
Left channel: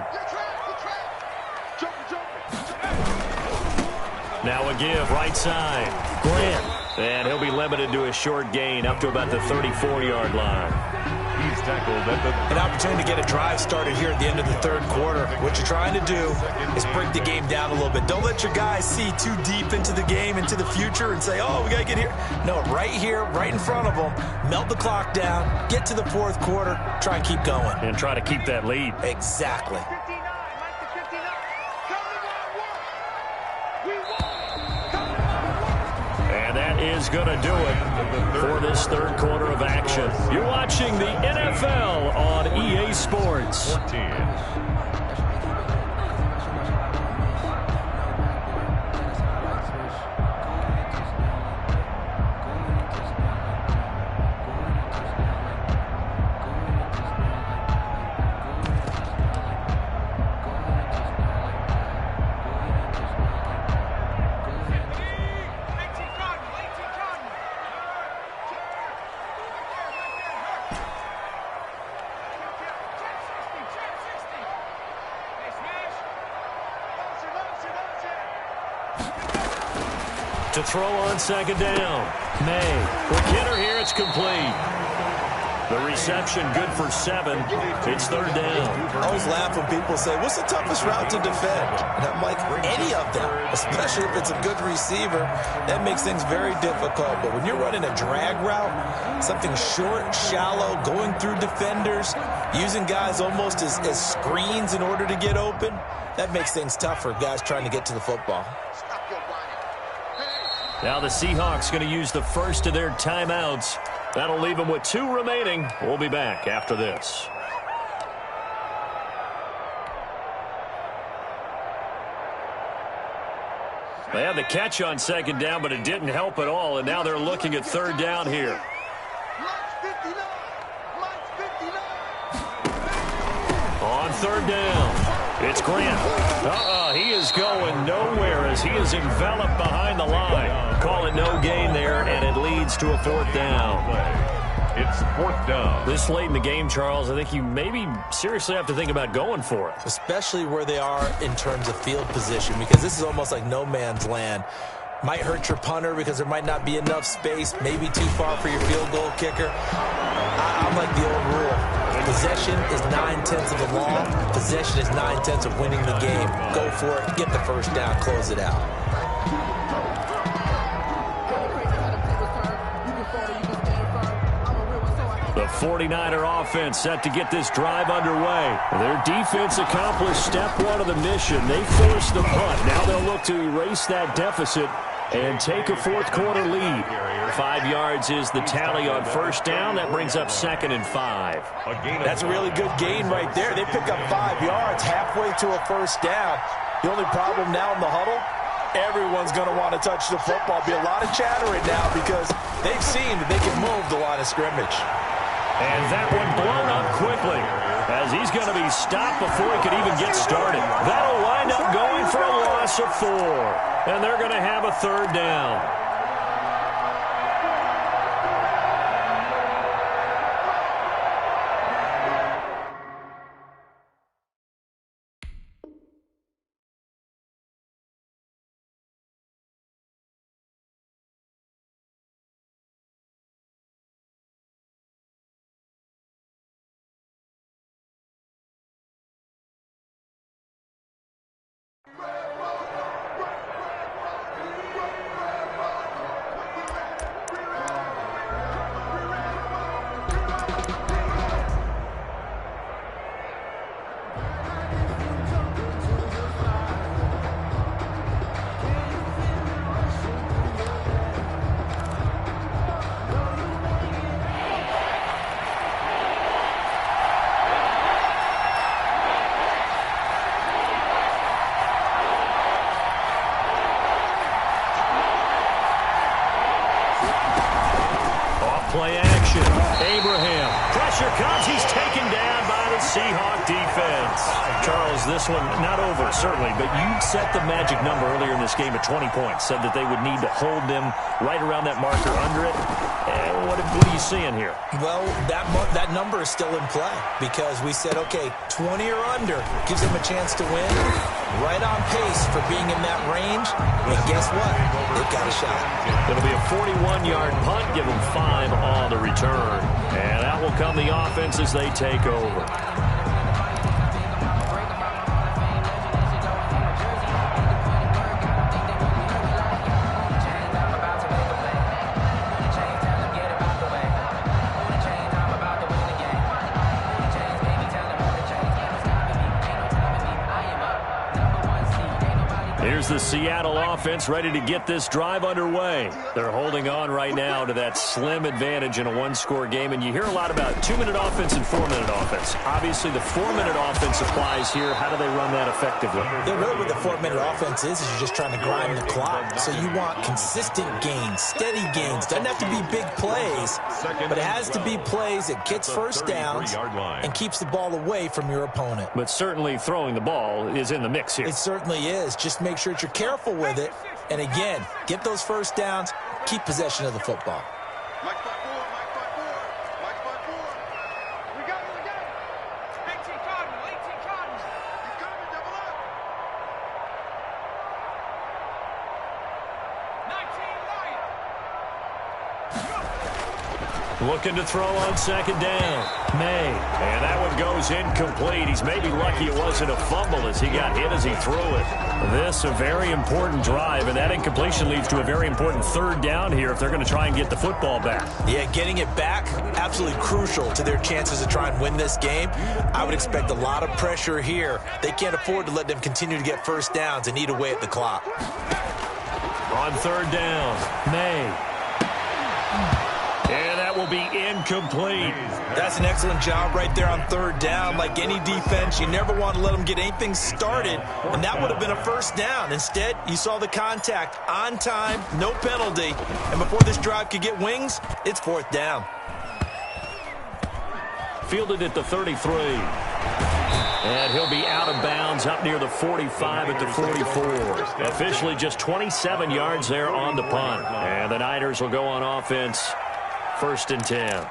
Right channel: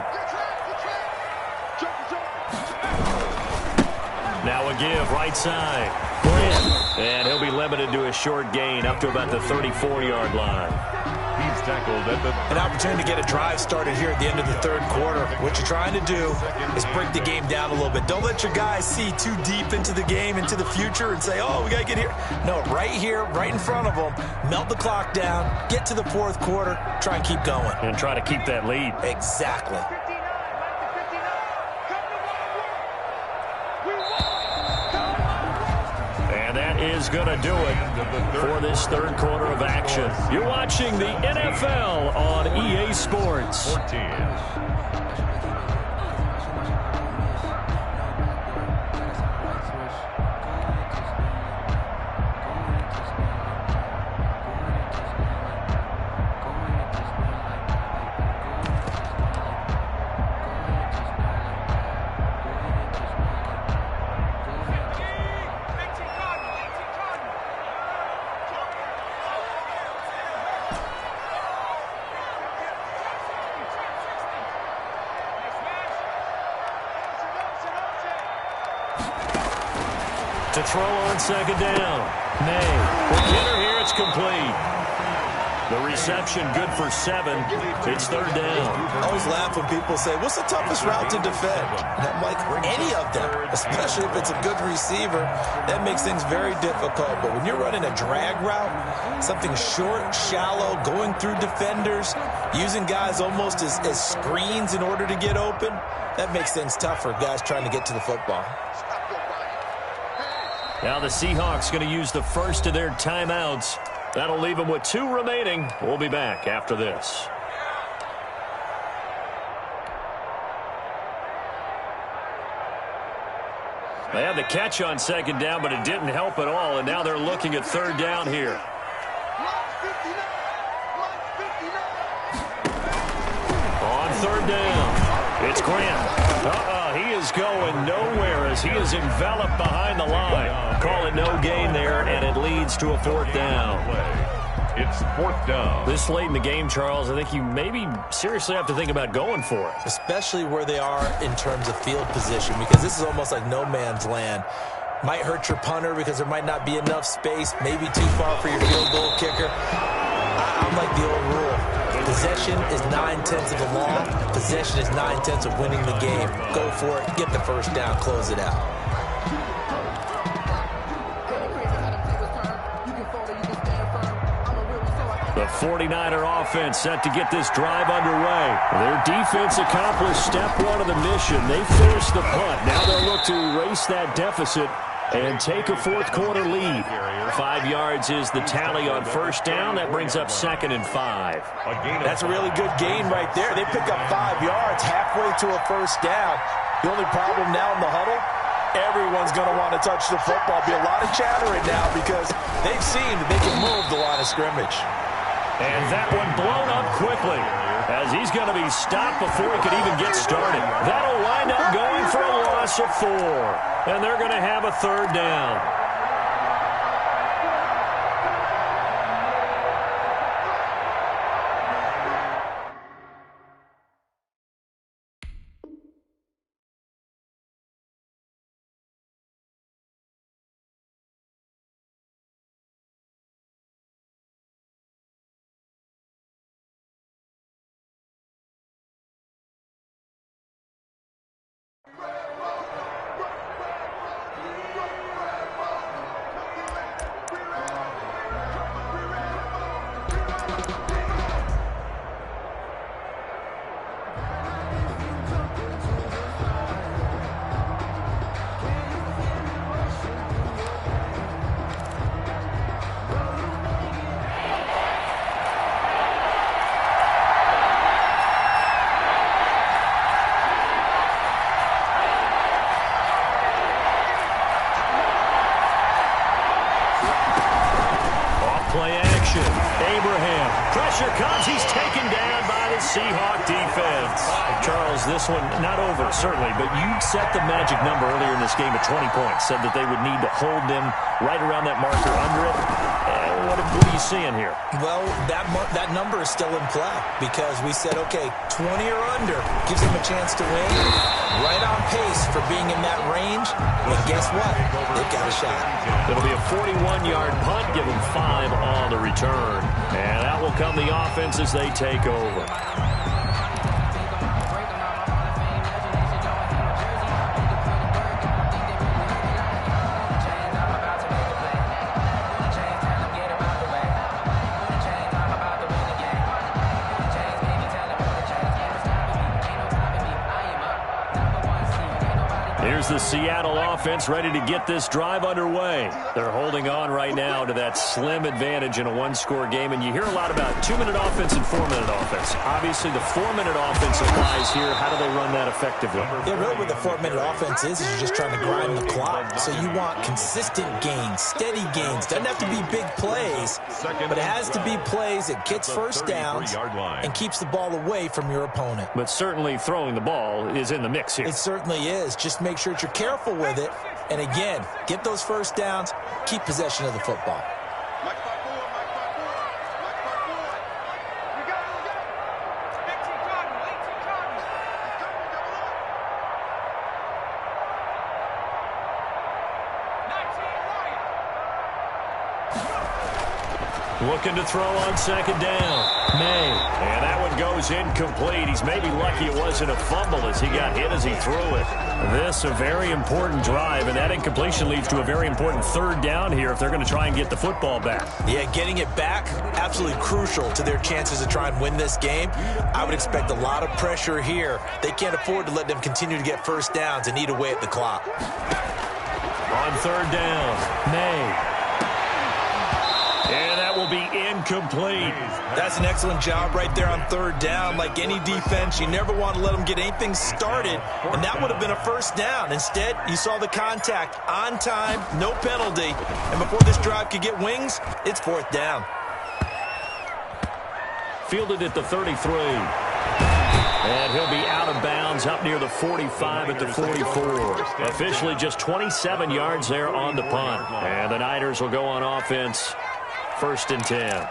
Now a give, right side. Grant, and he'll be limited to a short gain up to about the 34-yard line. He's tackled at the... An opportunity to get a drive started here at the end of the 3rd quarter. What you're trying to do is break the game down a little bit. Don't let your guys see too deep into the game, into the future, and say, oh, we got to get here. No, right here, right in front of them, melt the clock down, get to the 4th quarter, try and keep going. And try to keep that lead. Exactly. And that is going to do it for this 3rd quarter of action. You're watching the NFL on EA Sports. 14. To throw on 2nd down. May. For Kidder here, it's complete. The reception good for 7. It's 3rd down. I always laugh when people say, what's the toughest route to defend? And I'm like, any of them, especially if it's a good receiver. That makes things very difficult. But when you're running a drag route, something short, shallow, going through defenders, using guys almost as screens in order to get open, that makes things tough for guys trying to get to the football. Now the Seahawks going to use the first of their timeouts. That'll leave them with 2 remaining. We'll be back after this. They had the catch on 2nd down, but it didn't help at all, and now they're looking at 3rd down here. On 3rd down, it's Grant. He is going nowhere as he is enveloped behind the line. Call it no gain there, and it leads to a 4th down. It's 4th down. This late in the game, Charles, I think you maybe seriously have to think about going for it. Especially where they are in terms of field position, because this is almost like no man's land. Might hurt your punter because there might not be enough space, maybe too far for your field goal kicker. I'm like the old rule. Possession is 9/10 of the law. Possession is 9/10 of winning the game. Go for it. Get the 1st down. Close it out. The 49er offense set to get this drive underway. Their defense accomplished step 1 of the mission. They forced the punt. Now they'll look to erase that deficit and take a 4th quarter lead. 5 yards is the tally on 1st down. That brings up 2nd and 5. That's a really good gain right there. They pick up 5 yards halfway to a 1st down. The only problem now in the huddle, everyone's going to want to touch the football. Be a lot of chattering now because they've seen that they can move the line of scrimmage. And that one blown up quickly as he's going to be stopped before he could even get started. That'll wind up going for a loss of 4. And they're going to have a 3rd down. protection. Abraham. Pressure comes. He's taken down by the Seahawk defense. Charles, this one not over, certainly, but you set the magic number earlier in this game at 20 points. Said that they would need to hold them right around that marker under it. What are you seeing here? Well, that number is still in play because we said, okay, 20 or under gives them a chance to win. Right on pace for being in that range. And guess what? They've got a shot. It'll be a 41-yard punt. Give them 5 on the return. And out will come the offense as they take over. Here's the Seattle offense ready to get this drive underway. They're holding on right now to that slim advantage in a one-score game, and you hear a lot about 2-minute offense and 4-minute offense. Obviously, the 4-minute offense applies here. How do they run that effectively? Yeah, really what the 4-minute offense is you're just trying to grind the clock. So you want consistent gains, steady gains. Doesn't have to be big plays, but it has to be plays that gets first downs and keeps the ball away from your opponent. But certainly throwing the ball is in the mix here. It certainly is. Just make sure that you're careful with it. And again, get those first downs, keep possession of the football. Mike 5-4, Mike 5-4, Mike 5-4. We go. 18 Cardinal, 18 Cardinal. He's coming, double up. 19 Lion. Looking to throw on second down. May. And that one goes incomplete. He's maybe lucky it wasn't a fumble as he got hit as he threw it. This a very important drive, and that incompletion leads to a very important third down here if they're going to try and get the football back. Yeah, getting it back, absolutely crucial to their chances to try and win this game. I would expect a lot of pressure here. They can't afford to let them continue to get first downs and eat away at the clock. On third down, May. And that will be incomplete. That's an excellent job right there on third down. Like any defense, you never want to let them get anything started, and that would have been a first down. Instead, you saw the contact on time, no penalty, and before this drive could get wings, it's fourth down. Fielded at the 33. And he'll be out of bounds up near the 45 at the 44. Officially just 27 yards there on the punt. And the Niners will go on offense. 1st and 10.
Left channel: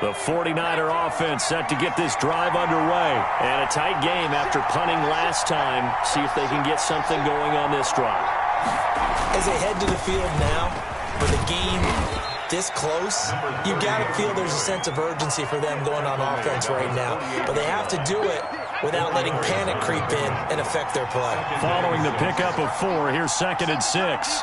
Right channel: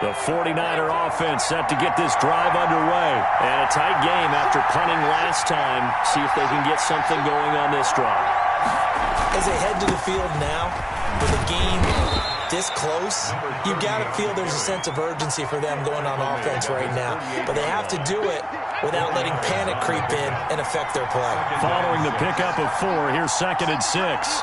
The 49er offense set to get this drive underway. And a tight game after punting last time. See if they can get something going on this drive. As they head to the field now, for the game this close, you got to feel there's a sense of urgency for them going on offense right now. But they have to do it without letting panic creep in and affect their play. Following the pickup of 4, here's 2nd and 6.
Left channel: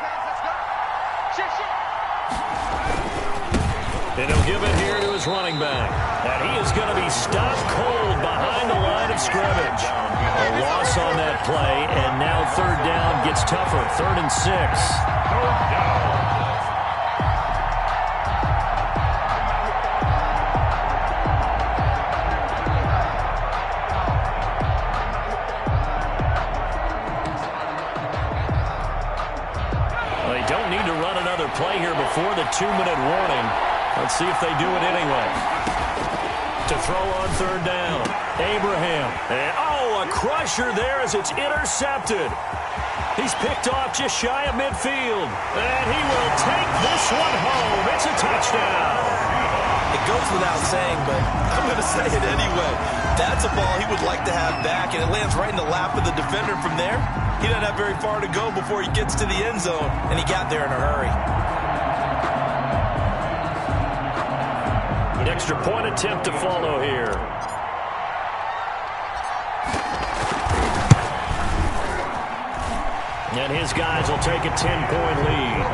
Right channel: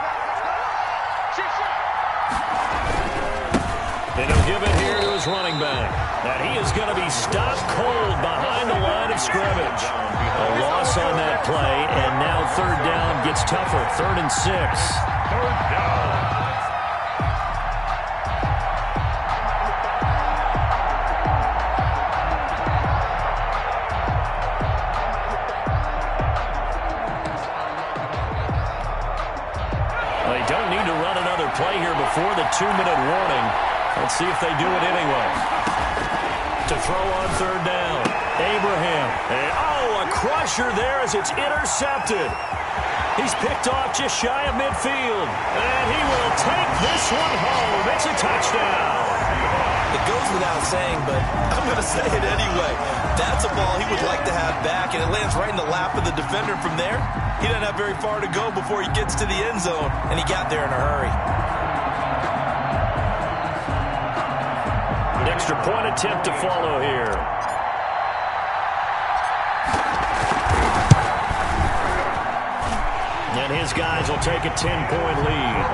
And he'll give it here to his running back. And he is going to be stopped cold behind the line of scrimmage. A loss on that play, and now third down gets tougher. 3rd and 6. Third down. They don't need to run another play here before the 2-minute warning. Let's see if they do it anyway. To throw on third down. Abraham. And, a crusher there as it's intercepted. He's picked off just shy of midfield. And he will take this one home. It's a touchdown. It goes without saying, but I'm going to say it anyway. That's a ball he would like to have back, and it lands right in the lap of the defender from there. He doesn't have very far to go before he gets to the end zone, and he got there in a hurry. An extra point attempt to follow here. And his guys will take a 10-point lead.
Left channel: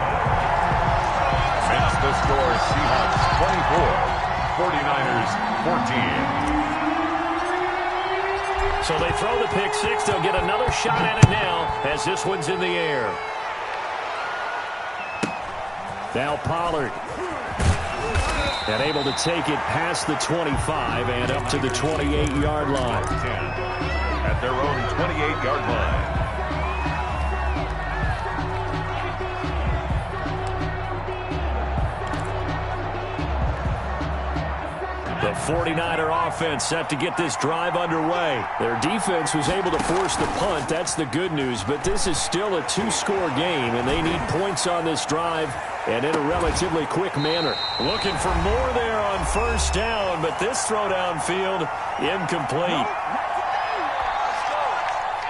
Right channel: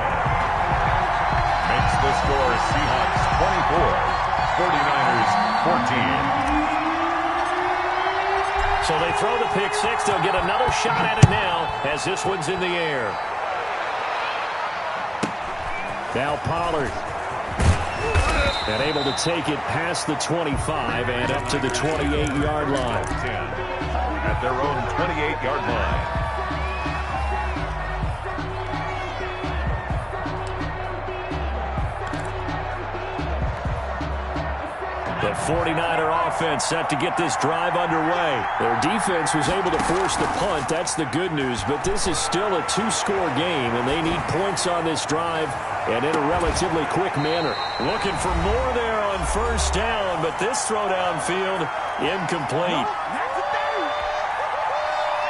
Makes the score Seahawks 24, 49ers 14. So they throw the pick six. They'll get another shot at it now as this one's in the air. Now Pollard. And able to take it past the 25 and up to the 28-yard line. 10 at their own 28-yard line. The 49er offense set to get this drive underway. Their defense was able to force the punt. That's the good news. But this is still a two-score game, and they need points on this drive and in a relatively quick manner. Looking for more there on first down, but this throw downfield incomplete.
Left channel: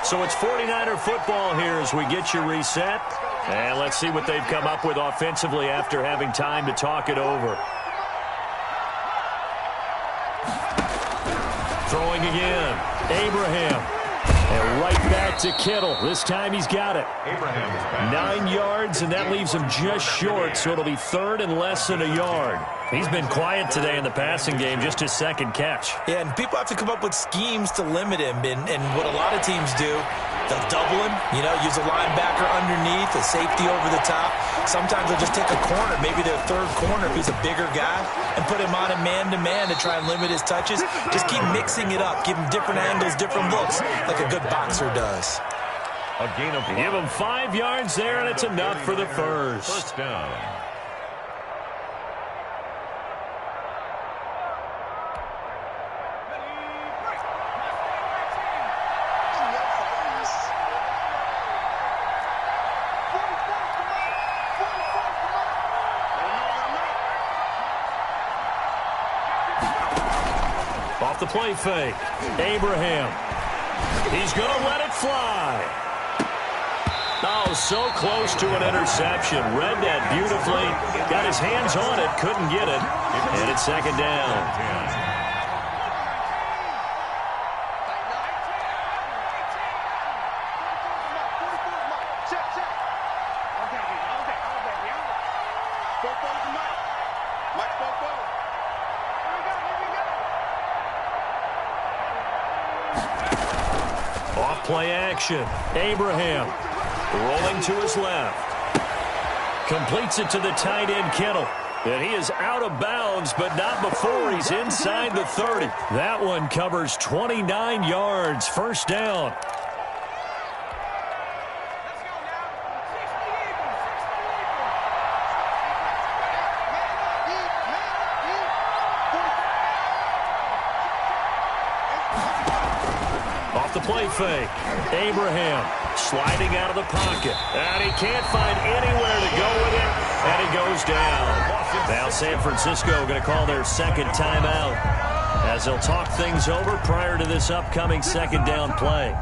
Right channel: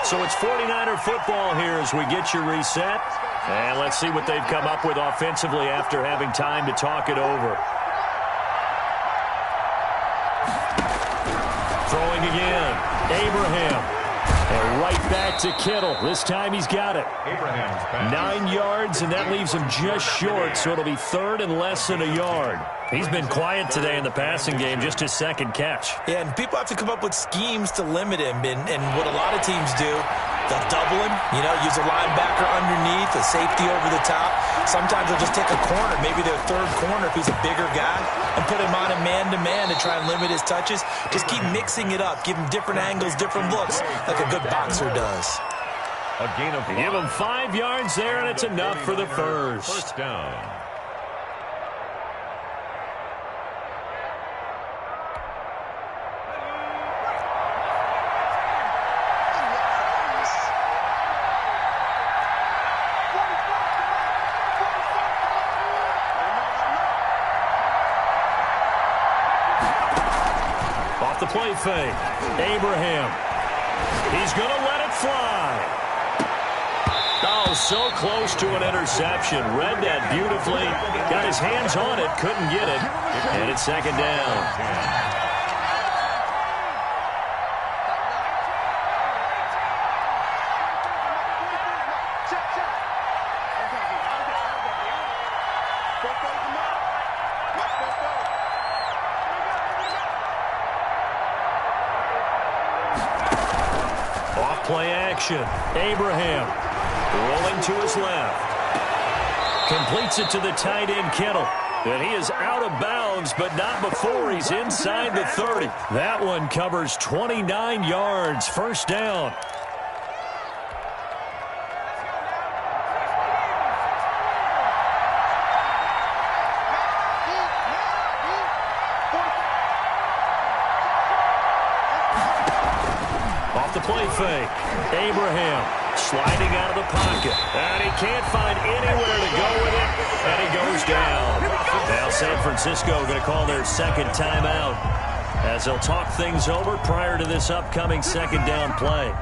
So it's 49er football here as we get you reset. And let's see what they've come up with offensively after having time to talk it over. Throwing again. Abraham. And right back to Kittle. This time he's got it. Abraham's back. 9 yards, and that leaves him just short, so it'll be third and less than a yard. He's been quiet today in the passing game, just his second catch. Yeah, and people have to come up with schemes to limit him, and what a lot of teams do, they'll double him, use a linebacker underneath, a safety over the top. Sometimes they'll just take a corner, maybe their third corner if he's a bigger guy, and put him on a man-to-man to try and limit his touches. Just keep mixing it up, give him different angles, different looks, like a good boxer does. A gain of 5. Give him 5 yards there, and it's enough for the first. First down. Off the play fake. Abraham. He's going to let it fly. Oh, so close to an interception. Read that beautifully. Got his hands on it. Couldn't get it. And it's second down. Off play action. Abraham rolling to his left. Completes it to the tight end, Kittle. And he is out of bounds, but not before he's inside the 30. That one covers 29 yards. First down. Off the play fake. Abraham sliding out of the pocket. And he can't find anywhere to go with it. And he goes down. Now San Francisco going to call their second timeout as they'll talk things over prior to this upcoming second down play.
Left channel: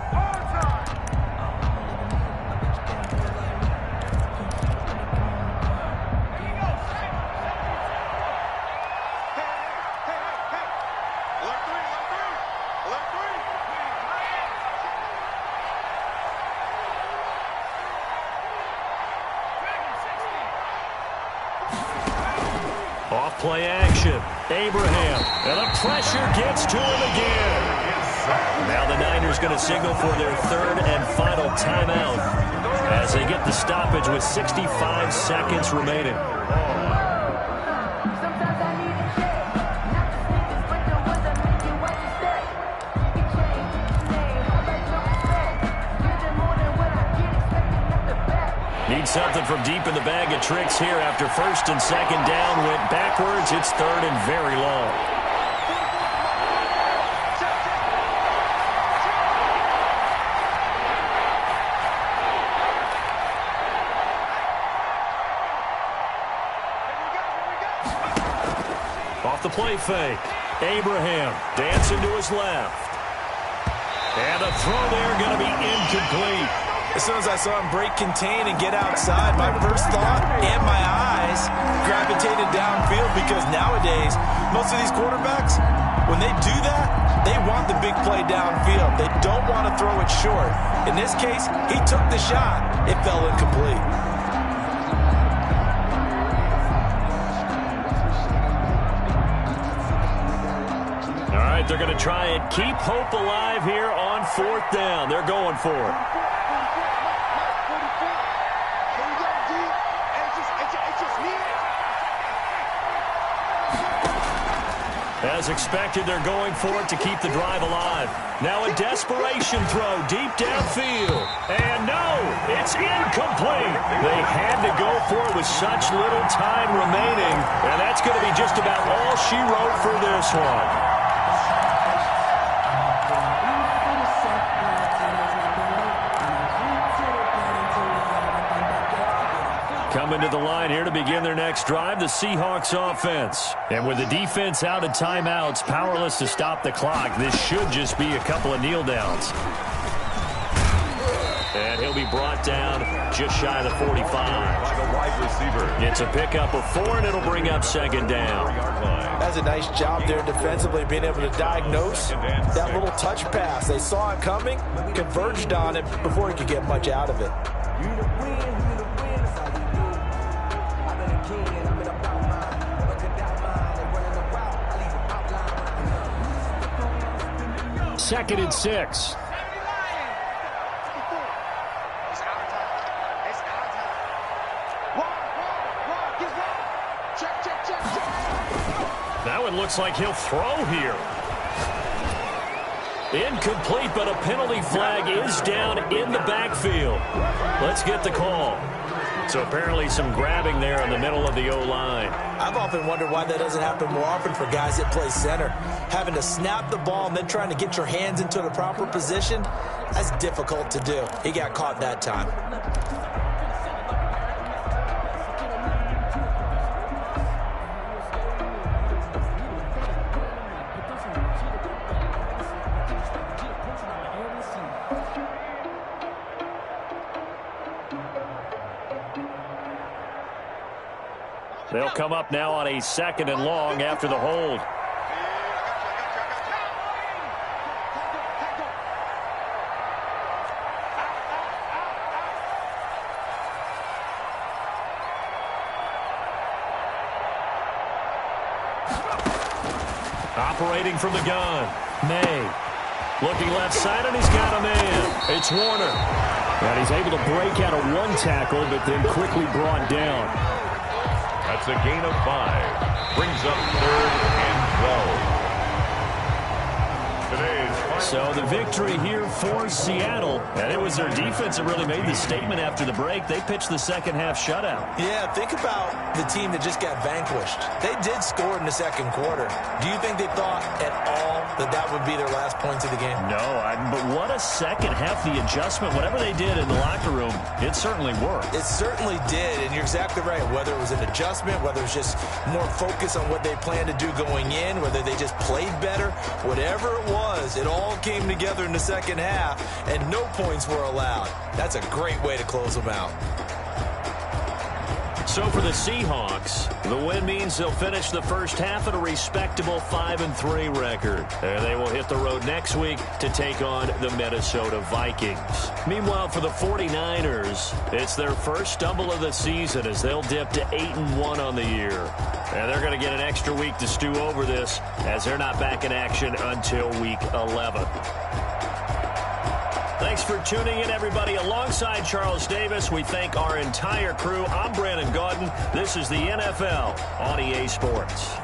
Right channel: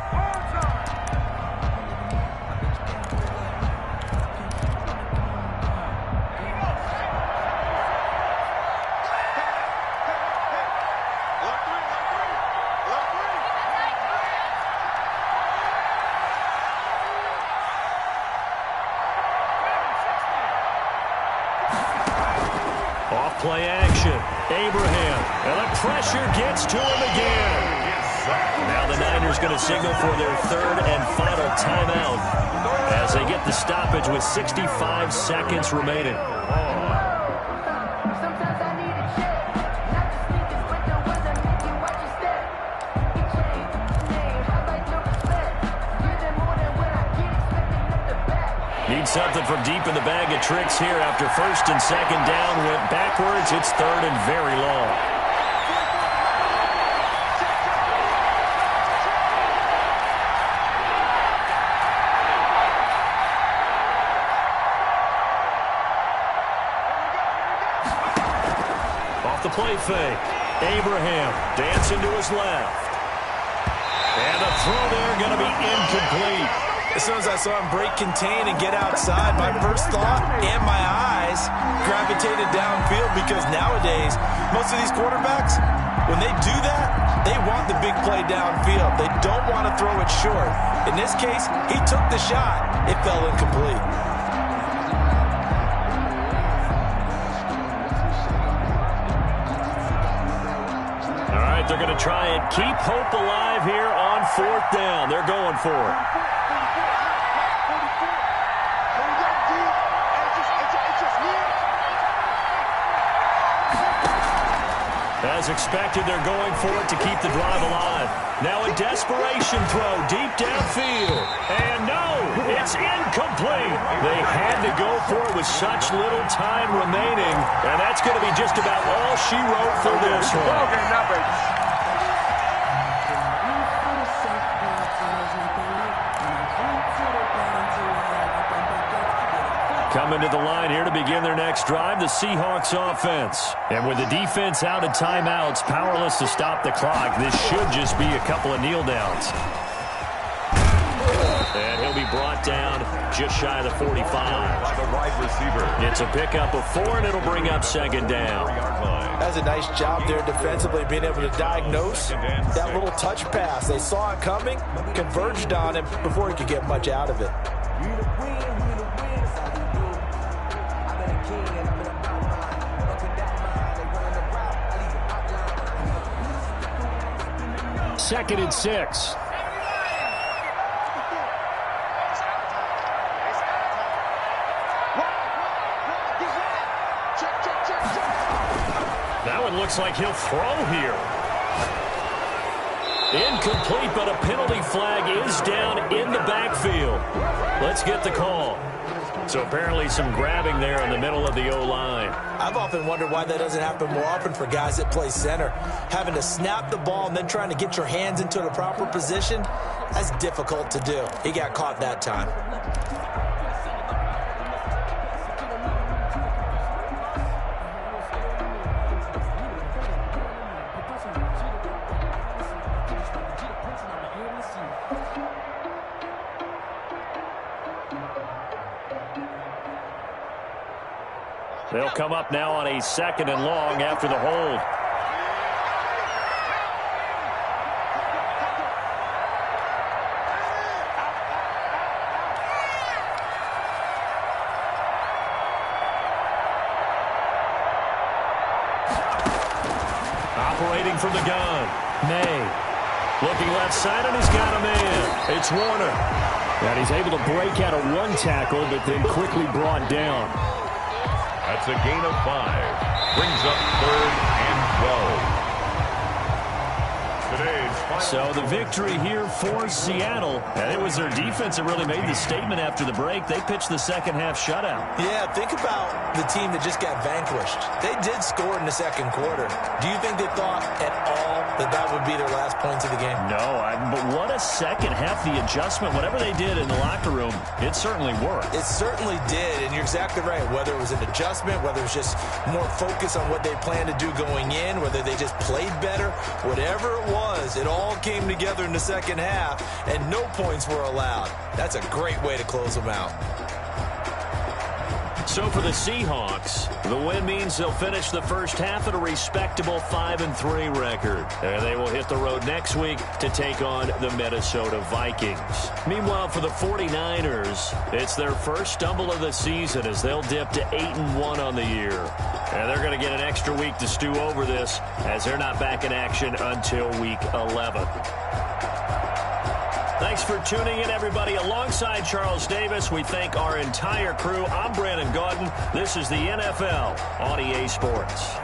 Off play action. Abraham. And the pressure gets to him again. Now the Niners going to signal for their third and final timeout as they get the stoppage with 65 seconds remaining. Need something from deep in the bag of tricks here after first and second down went backwards. It's third and very long. Off the play fake. Abraham dancing to his left. And a throw there going to be incomplete. As soon as I saw him break contain and get outside, my first thought and my eyes gravitated downfield because nowadays, most of these quarterbacks, when they do that, they want the big play downfield. They don't want to throw it short. In this case, he took the shot. It fell incomplete. All right, they're going to try and keep hope alive here on fourth down. They're going for it. It's just me. As expected, they're going for it to keep the drive alive. Now a desperation throw deep downfield. And no, it's incomplete. They had to go for it with such little time remaining. And that's going to be just about all she wrote for this one. Coming to the line here to begin their next drive, the Seahawks offense. And with the defense out of timeouts, powerless to stop the clock, this should just be a couple of kneel downs. And he'll be brought down just shy of the 45. By the wide receiver. It's a pickup of 4, and it'll bring up second down. That's a nice job there defensively, being able to diagnose that little touch pass. They saw it coming, converged on it before he could get much out of it. Second and 6. That one looks like he'll throw here. Incomplete, but a penalty flag is down in the backfield. Let's get the call. So apparently some grabbing there in the middle of the O-line. I've often wondered why that doesn't happen more often for guys that play center. Having to snap the ball and then trying to get your hands into the proper position, that's difficult to do. He got caught that time. They'll come up now on a second and long after the hold. Operating from the gun, May. Looking left side, and he's got a man. It's Warner. And he's able to break out of one tackle, but then quickly brought down. That's a gain of 5. Brings up 3rd and 12. So the victory here for Seattle. And it was their defense that really made the statement after the break. They pitched the second half shutout. Yeah, think about the team that just got vanquished. They did score in the second quarter. Do you think they thought at all that that would be their last points of the game? No, but what a second half. The adjustment, whatever they did in the locker room, it certainly worked. It certainly did, and you're exactly right. Whether it was an adjustment, whether it was just more focus on what they planned to do going in, whether they just played better, whatever it was, it all came together in the second half, and no points were allowed. That's a great way to close them out. So for the Seahawks, the win means they'll finish the first half at a respectable 5-3 record. And they will hit the road next week to take on the Minnesota Vikings. Meanwhile, for the 49ers, it's their first stumble of the season as they'll dip to 8-1 on the year. And they're going to get an extra week to stew over this as they're not back in action until week 11. Thanks for tuning in, everybody. Alongside Charles Davis, we thank our entire crew. I'm Brandon Gaudin. This is the NFL on EA Sports.